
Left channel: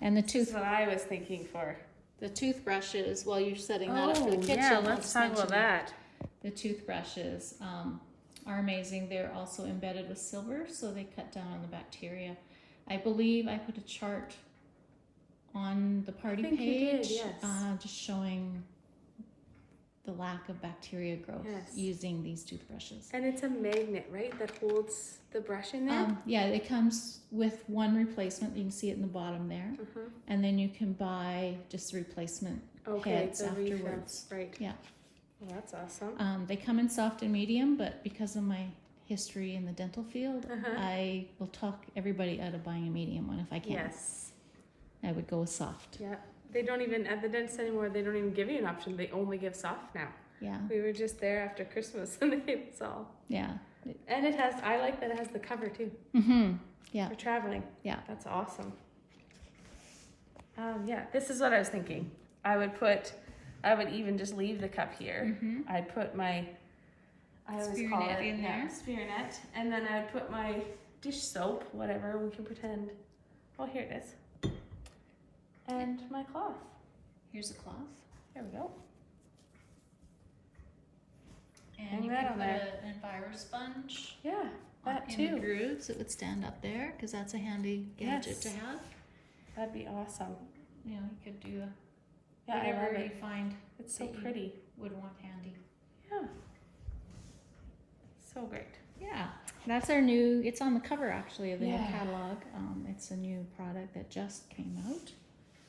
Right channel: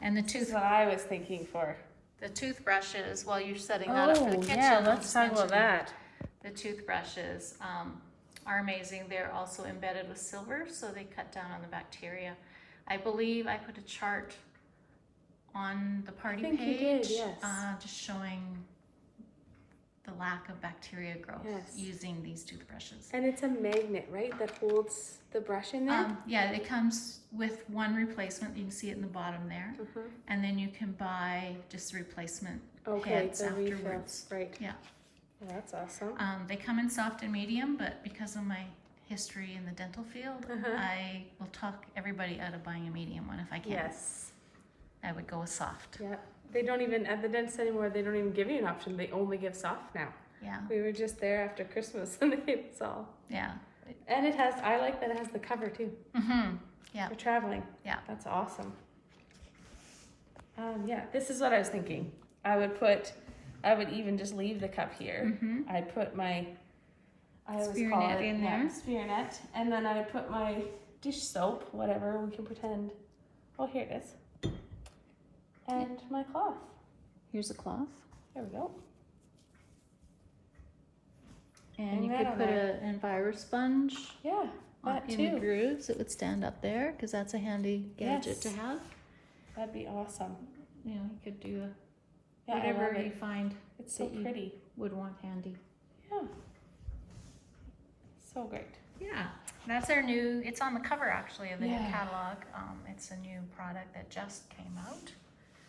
And the This is what I was thinking for. the toothbrushes, while you're setting that up for the kitchen, yeah, I'll let's just talk about mention that. The toothbrushes are amazing. They're also embedded with silver, so they cut down on the bacteria. I believe I put a chart on the party think you page, did, yes. just showing the lack of bacteria growth Yes. using these toothbrushes. And it's a magnet, right, that holds the brush in there? Yeah, it comes with one replacement. You can see it in the bottom there. Uh-huh. And then you can buy just the replacement Okay, heads the afterwards. refills. Right. Yeah. Well, that's awesome. They come in soft and medium, but because of my history in the dental field, Uh-huh. I will talk everybody out of buying a medium one if I can. Yes. I would go with soft. Yeah. they don't even, at the dentist anymore, they don't even give you an option. They only give soft now. Yeah. We were just there after Christmas and they gave us all. Yeah. And it has, I like that it has the cover too. Mm-hmm. Yeah. For traveling. Yeah. That's awesome. Yeah, this is what I was thinking. I would even just leave the cup here. Mm-hmm. I'd put my, I always Spear call net it, in yeah, there. spear net. And then I would put my dish soap, whatever, we can pretend. Oh, here it is. And my cloth. Here's a cloth. There we go. And Hang you that could on put there. an enviro sponge Yeah, that in the too. grooves. It would stand up there because that's a handy gadget Yes. to have. That'd be awesome. You know, you could do Yeah, I whatever love you it. find It's so that you- pretty. would want handy. Yeah. So great. Yeah, that's our new, it's on the cover actually of the new Yeah. catalog. It's a new product that just came out.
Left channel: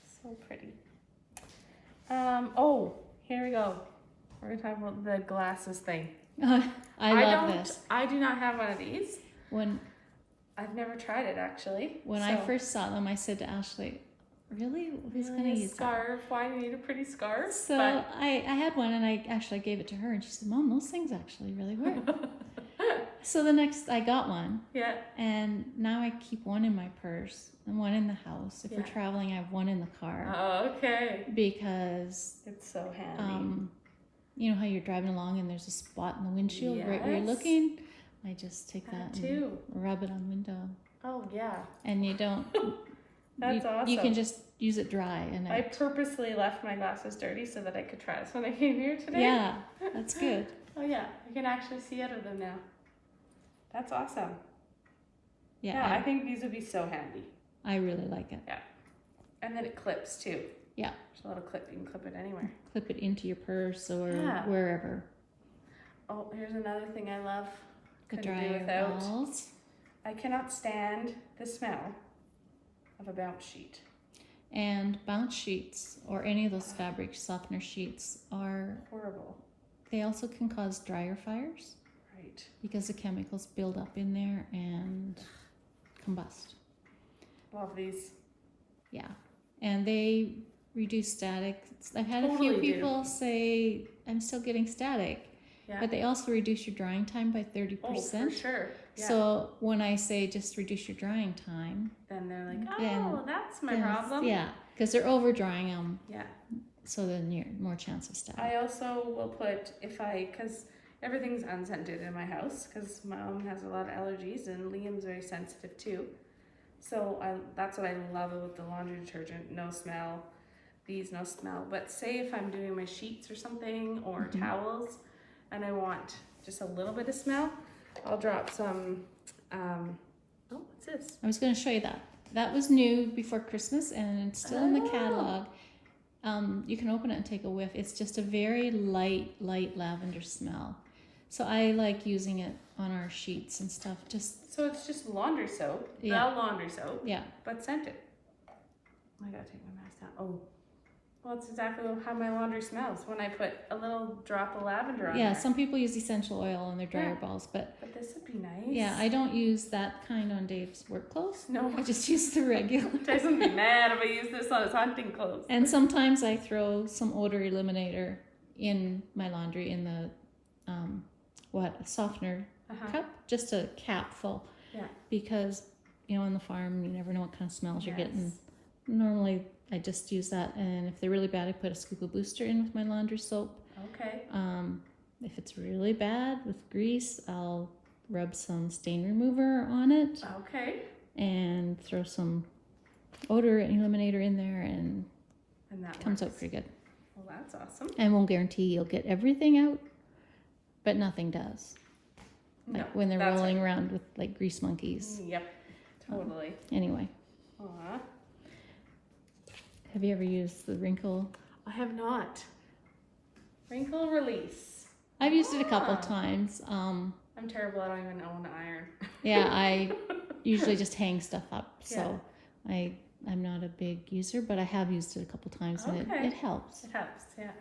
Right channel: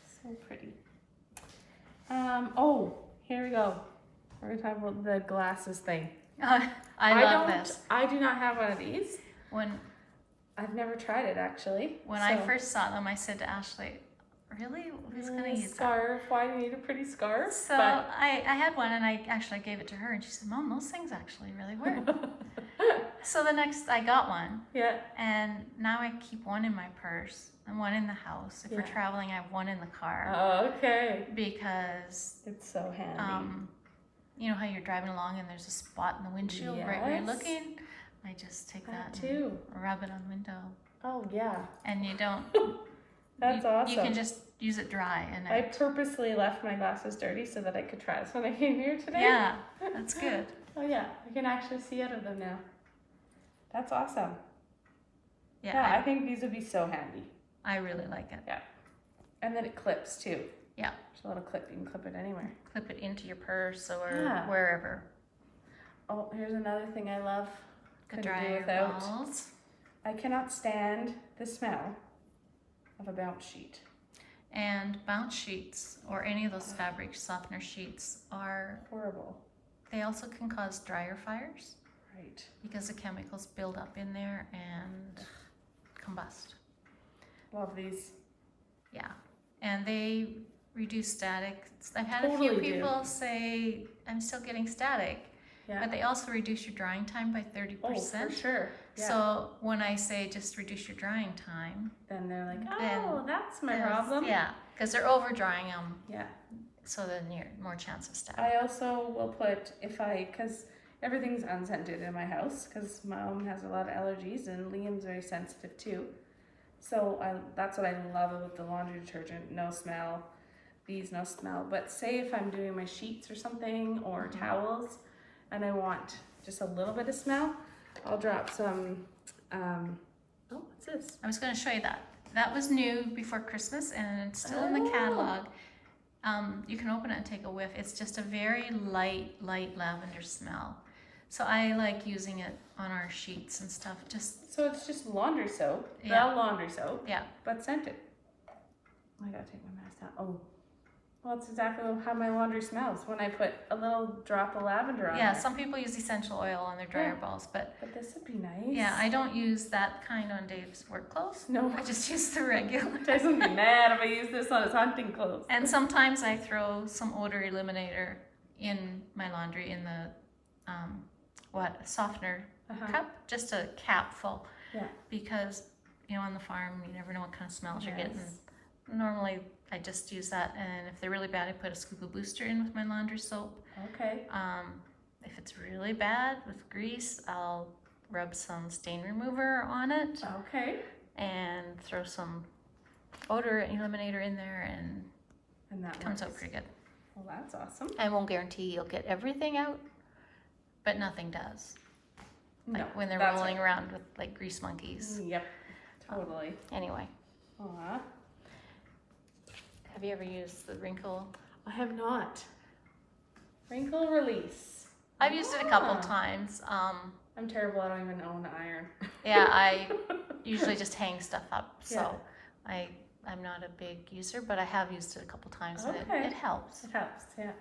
So pretty. Oh, here we go. We're gonna talk about the glasses thing. I love this. I do not have one of these. When I've never tried it actually. I first saw them, I said to Ashley, really? Who's going to use that? Scarf. Why do you need a pretty scarf? So I had one and I actually gave it to her and she said, Mom, those things actually really work. So the next, I got one. Yeah. And now I keep one in my purse and one in the house. If we're Yeah. traveling, I have one in the car. Oh, okay. Because It's so handy. you know how you're driving along and there's a spot in the windshield right where you're Yes. looking? I just take that too. and rub it on the window. Oh yeah. And you don't, That's you awesome. can just use it dry. And I purposely left my glasses dirty so that I could try this when I came here today. yeah, that's good. Oh yeah, I can actually see out of them now. That's awesome. Yeah, Yeah, I think these would be so handy. I really like it. And then it clips too. Yeah. There's a little clip, you can clip it anywhere. Clip it into your purse or Yeah. wherever. Oh, here's another thing I love. The Couldn't do dryer without. balls. I cannot stand the smell of a bounce sheet. And bounce sheets or any of those fabric softener sheets Horrible. they also can cause dryer fires Right. because the chemicals build up in there and combust. Love these. Yeah. And they reduce static. I've had Totally a do. few people say, I'm still getting static. Yeah. But they also reduce your drying time by 30%. Oh, for sure. Yeah. So when I say just reduce your drying time, then they're like, then- oh, that's my then- problem. Yeah, because they're over drying them, Yeah. so then you're more chance of static. I also will put, because everything's unscented in my house, because my mom has a lot of allergies and Liam's very sensitive too. So that's what I love about the laundry detergent, no smell, these no smell. But say if I'm doing my sheets or something or towels and I want just a little bit of smell, I'll drop some, oh, what's this? I was going to show you that. That was new before Christmas and it's still in the Oh. catalog. You can open it and take a whiff. It's just a very light lavender smell. So I like using it on our sheets and stuff. So it's just laundry soap, Yeah. the laundry soap, Yeah. but scented. I gotta take my mask down. Oh, well, that's exactly how my laundry smells when I put a little drop of lavender on Yeah, there. some people use essential oil on their dryer Yeah. balls, but But this would be nice. yeah, I don't use that kind on Dave's work clothes. No. I just use the regular. Jason would be mad if I use this on his hunting clothes. And sometimes I throw some odor eliminator in my laundry in the softener cup, just a cap full. Yeah. Because on the farm you never know what kind of smells you're getting. Yes. Normally I just use that, and if they're really bad I put a scoop of booster in with my laundry soap. Okay. If it's really bad with grease, I'll rub some stain remover on it Okay. and throw some odor eliminator in there, and And that it comes works. out pretty good. Well, that's awesome. I won't guarantee you'll get everything out, but nothing does. Like No, when they're that's rolling right. around with like grease monkeys. Yep. Totally. Anyway, Aw. have you ever used the wrinkle? I have not. Wrinkle release. I've used it a couple Ah. times. I'm terrible. I don't even own an iron. Yeah, I usually just hang stuff up, so Yeah. I'm not a big user, but I have used it a couple times, and Okay. it helps. It helps, yeah.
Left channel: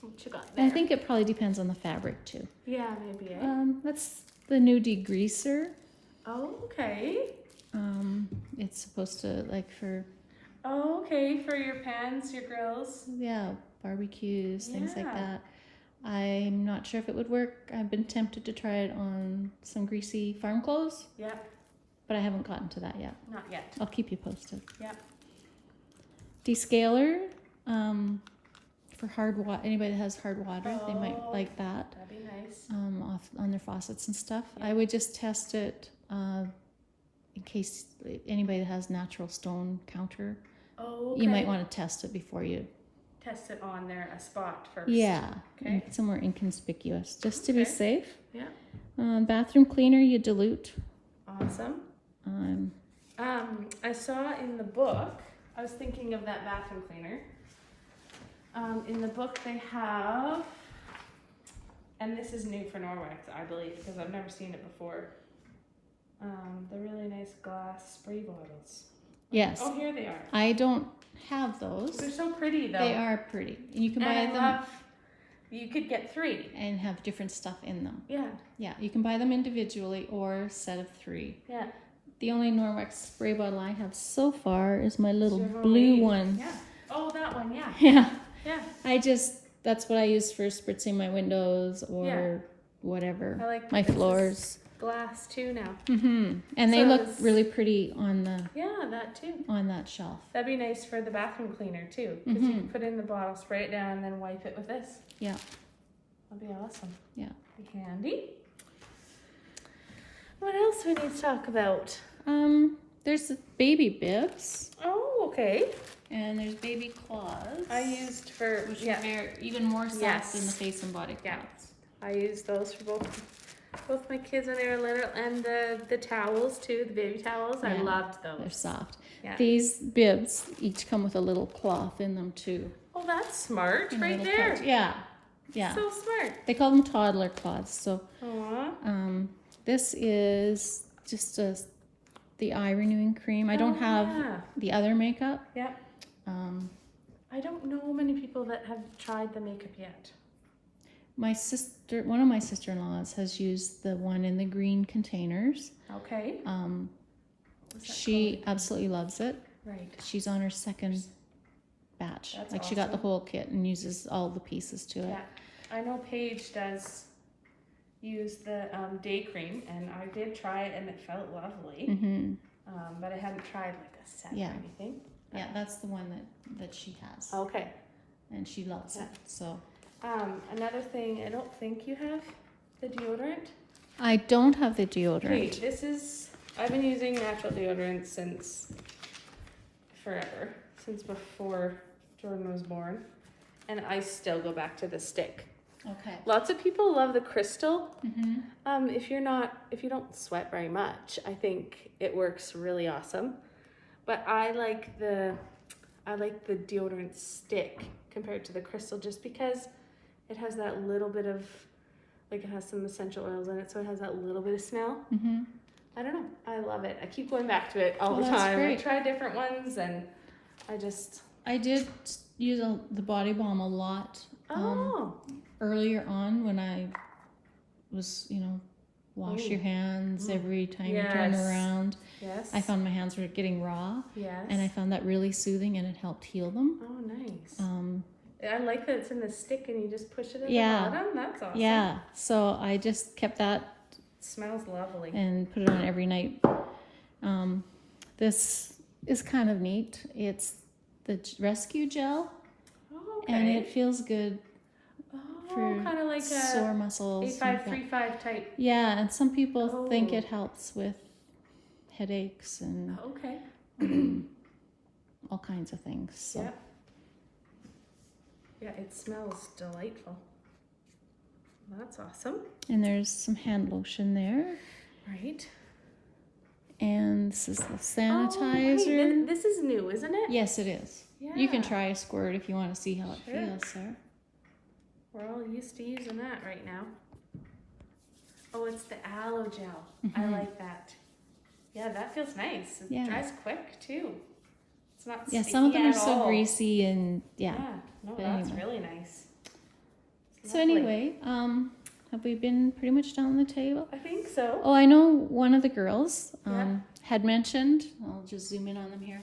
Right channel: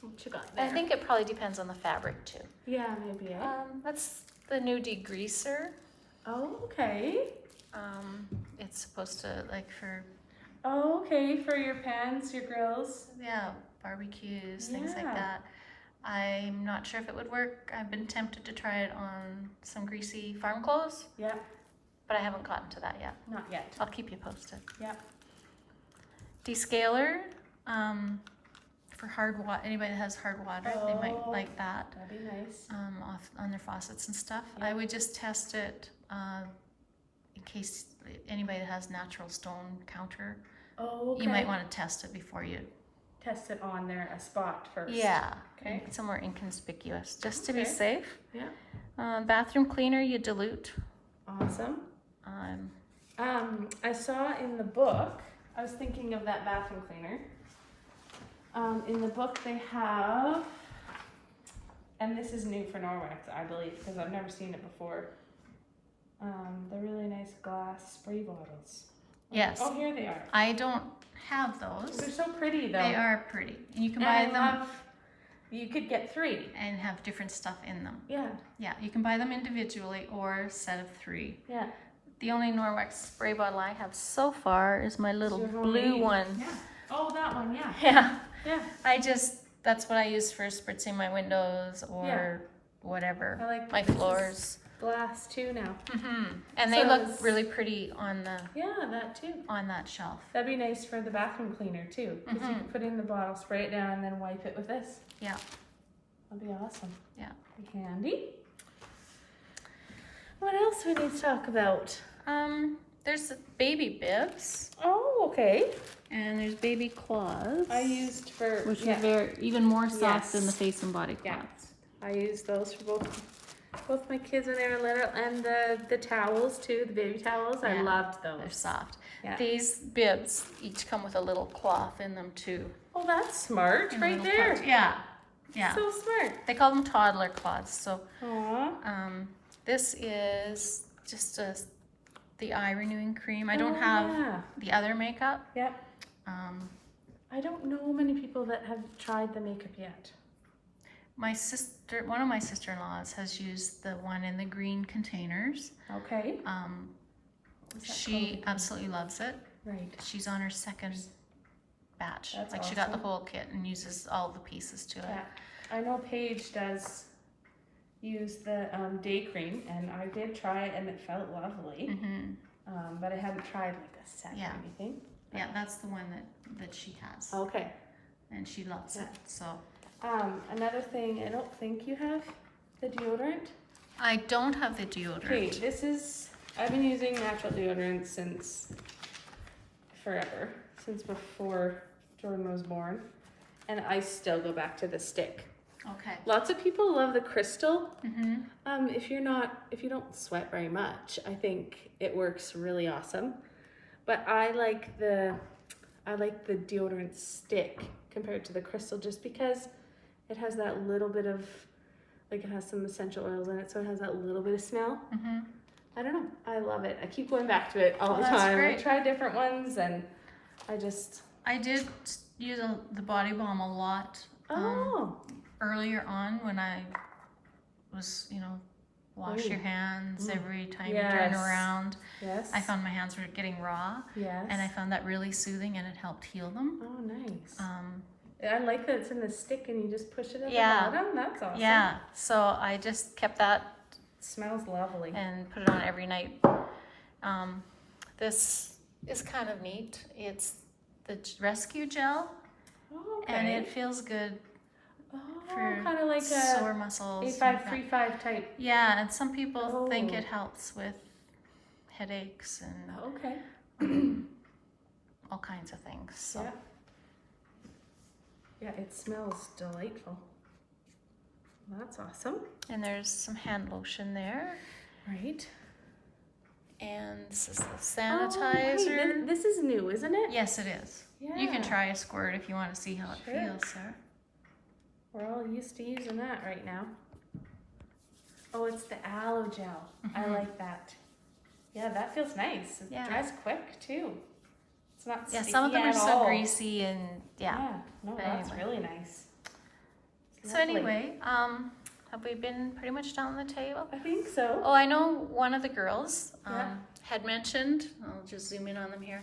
What you got I there? think it probably depends on the fabric too. Yeah, maybe, eh? That's the new degreaser. Oh, okay. It's supposed to, like, for Oh, okay, for your pans, your grills. Yeah, barbecues, things like Yeah. that. I'm not sure if it would work. I've been tempted to try it on some greasy farm clothes, Yep, but I haven't gotten to that yet. not yet. I'll keep you posted. Yep. Descaler, for hard water. Anybody that has hard water, they might Oh. like that. That'd be nice. Off on their faucets and stuff. Yeah. I would just test it in case anybody that has natural stone counter. Oh, okay. You might want to test it before you. Test it on there, a spot first. Yeah. Okay. Somewhere inconspicuous, just to be Okay. safe. Yeah. Bathroom cleaner, you dilute. Awesome. Um, I saw in the book, I was thinking of that bathroom cleaner. In the book they have, and this is new for Norwex, I believe, because I've never seen it before. The really nice glass spray bottles. yes. Oh, here they are. I don't have those. They're so pretty though. They are pretty. You can buy And I them love, you could get 3. and have different stuff in them. Yeah, Yeah, you can buy them individually or a set of 3. yeah. The only Norwex spray bottle I have so far is my little Your blue homemade. one. Yeah. Oh, that one, yeah. Yeah. Yeah. That's what I use for spritzing my windows or Yeah. whatever. I like my this is floors. glass too now. And they So look this- really pretty on Yeah, that too. that shelf. That'd be nice for the bathroom cleaner too, because you can put in the bottle, spray it down, and then wipe it with this. Yeah. That'd be awesome. Yeah. Be handy. What else do we need to talk about? There's the baby bibs Oh, okay. and there's baby cloths. I used for which yeah, are very even more soft Yes. than the face and body yeah. cloths. I used those for both my kids when they were little, and the towels too, the baby towels. I Yeah, loved those. They're soft. Yeah. These bibs each come with a little cloth in them too. Oh, that's smart, In right little there. pouch. Yeah. Yeah. So smart. They call them toddler cloths. So Aww. this is just the eye renewing cream. I don't have Yeah. the other makeup. Yep. I don't know many people that have tried the makeup yet. One of my sister-in-laws has used the one in the green containers. Okay. What's that She absolutely loves it. called? Right. She's on her second batch. That's Like she got the awesome. whole kit and uses all the pieces to it. Yeah. I know Paige does use the day cream, and I did try it, and it felt lovely. Mm-hmm. But I hadn't tried like a set Yeah. or anything. Yeah, that's the one that she has, Okay. and she loves Yeah. it. So Another thing, I don't think you have the deodorant. I don't have the deodorant. Okay, I've been using natural deodorant since forever, since before Jordan was born, and I still go back to the stick. Okay. Lots of people love the crystal. Mm-hmm. If you don't sweat very much, I think it works really awesome. But I like the deodorant stick compared to the crystal, just because it has that little bit of, like, it has some essential oils in it, so it has that little bit of smell. Mm-hmm. I don't know. I love it. I keep going back to it all the that's time. great. I try different ones, and I did use the body balm a lot earlier on when I was, wash your hands every time you turn Yes. around. yes. I found my hands were getting raw, yes. and I found that really soothing, and it helped heal them. Oh, nice. Um, I like that it's in the stick and you just push it at Yeah. the bottom. That's awesome. yeah, so I just kept that It smells lovely. and put it on every night. This is kind of neat. It's the rescue gel, Oh, okay. and it feels good for kind of like sore a muscles. 8535 type. Yeah, and some people think Oh. it helps with headaches and Okay. all kinds of things. So. Yeah. Yeah, it smells delightful. That's awesome. And there's some hand lotion there. Right. And this is the Oh, sanitizer. right. This is new, isn't it? Yes, it is. Yeah. You can try a squirt if you want to see how it Sure. feels, sir. We're all used to using that right now. Oh, it's the aloe gel. I Mhm. like that. Yeah, that feels nice. It Yeah. dries quick too. It's not Yeah, sticky some of them are at so all. greasy and yeah. Yeah, no, But that's anyway. really nice. So Lovely. anyway, have we been pretty much down the table? I think so. Oh, I know one of the girls Yeah. had mentioned, I'll just zoom in on them here.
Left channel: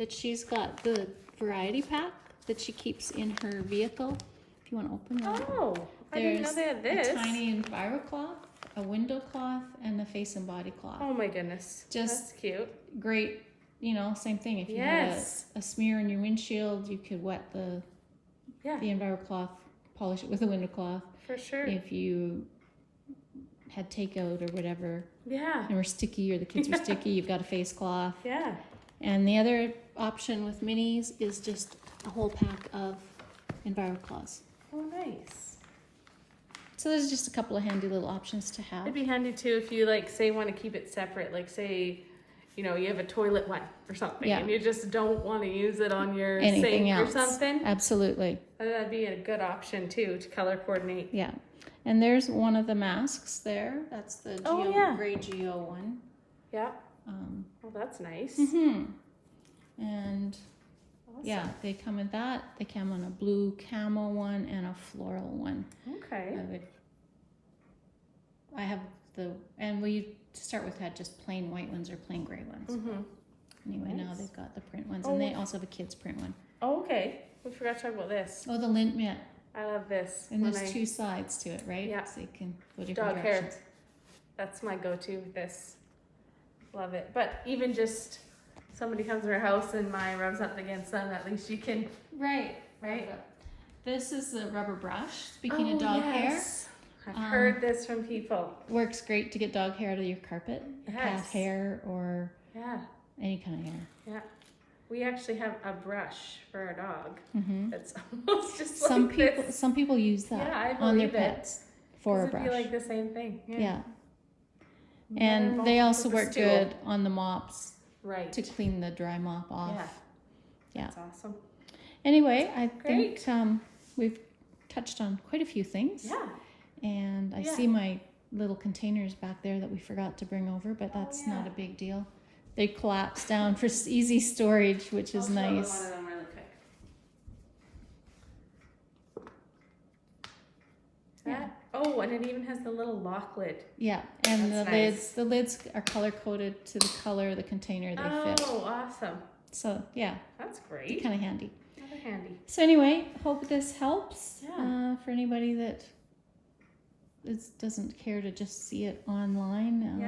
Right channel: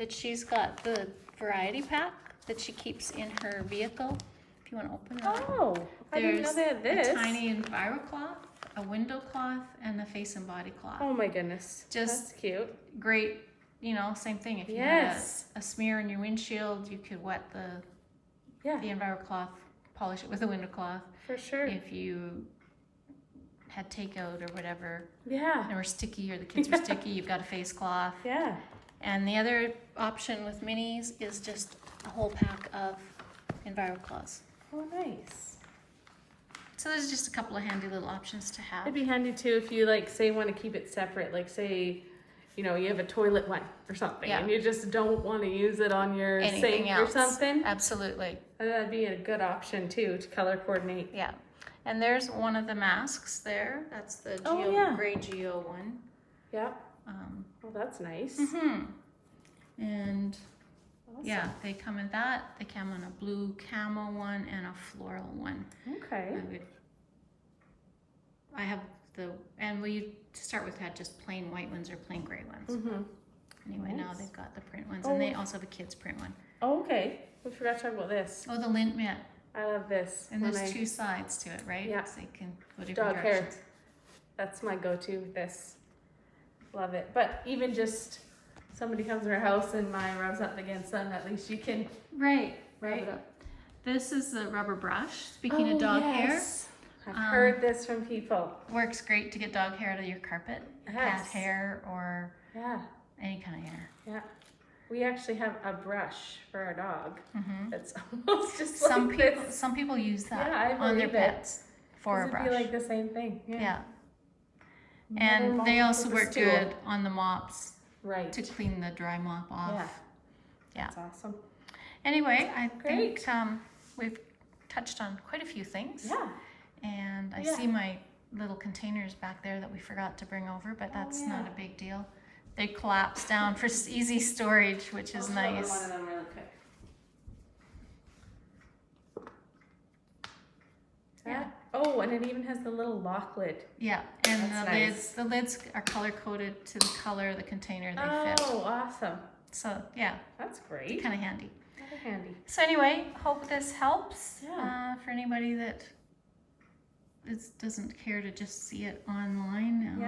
that she's got the variety pack that she keeps in her vehicle. If you want to open that. Oh, I didn't know they had this. A tiny enviro cloth, a window cloth, and a face and body cloth. Oh my goodness. Just that's cute. Great, you know, same thing. If you Yes. had a smear in your windshield, you could wet the enviro cloth, polish it with a window cloth. For sure. If you had takeout or whatever, Yeah. and were sticky or the kids were sticky, you've got a face cloth. Yeah. And the other option with minis is just a whole pack of enviro cloths. Oh, nice. So there's just a couple of handy little options to have. It'd be handy too if you like say want to keep it separate, like say, you know, you have a toilet one or something, and you just don't want to use it on your Anything sink else. or something. Absolutely. That'd be a good option too to color coordinate. Yeah. And there's one of the masks there. That's the gray Geo one. Yeah. Oh, that's nice. And Awesome. yeah, they come in that. They come in a blue camo one and a floral one. Okay. I have and we to start with had just plain white ones or plain gray ones. Anyway, now they've got the print ones, and they also have a kids print one. Oh, okay. We forgot to talk about this. Oh, the lint mitt. I love this. And there's two sides to it, right? Yeah. So you can go different dog directions. hair. That's my go-to with this. Love it. But even just somebody comes to our house and my rubs up against them, at least you can. Right. This is the rubber brush. Speaking of dog hair, I've heard this from people. works great to get dog hair out of your carpet, cat hair, or any kind of hair. Yeah. We actually have a brush for our dog. Mm-hmm. That's almost just some like people. this. Some people use that on their pets for a brush. It'd be like the same thing. Yeah. And they also work good on the mops. Right. To clean the dry mop off. Yeah. That's awesome. Anyway, I think we've touched on quite a few things. Yeah. And I see my little containers back there that we forgot to bring over, but that's not a big deal. They collapse down for easy storage, which is nice. One of them really quick. Yeah. Oh, and it even has the little lock lid. Yeah, and That's the lids are color coded to the color of the container they fit. Oh, awesome. So yeah, That's great. kind of handy. Rather handy. So anyway, hope this helps for anybody that doesn't care to just see it online.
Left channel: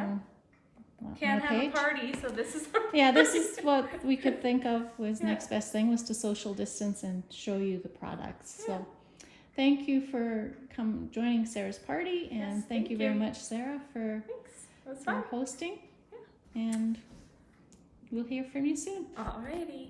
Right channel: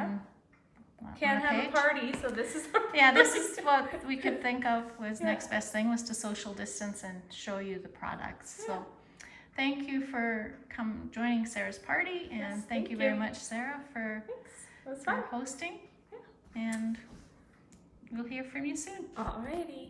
Can't have a party, so this is. This is what we could think of was next best thing was to social distance and show you the products. So thank you for joining Sarah's party, and thank you very much, Sarah, for hosting. And we'll hear from you soon. Alrighty.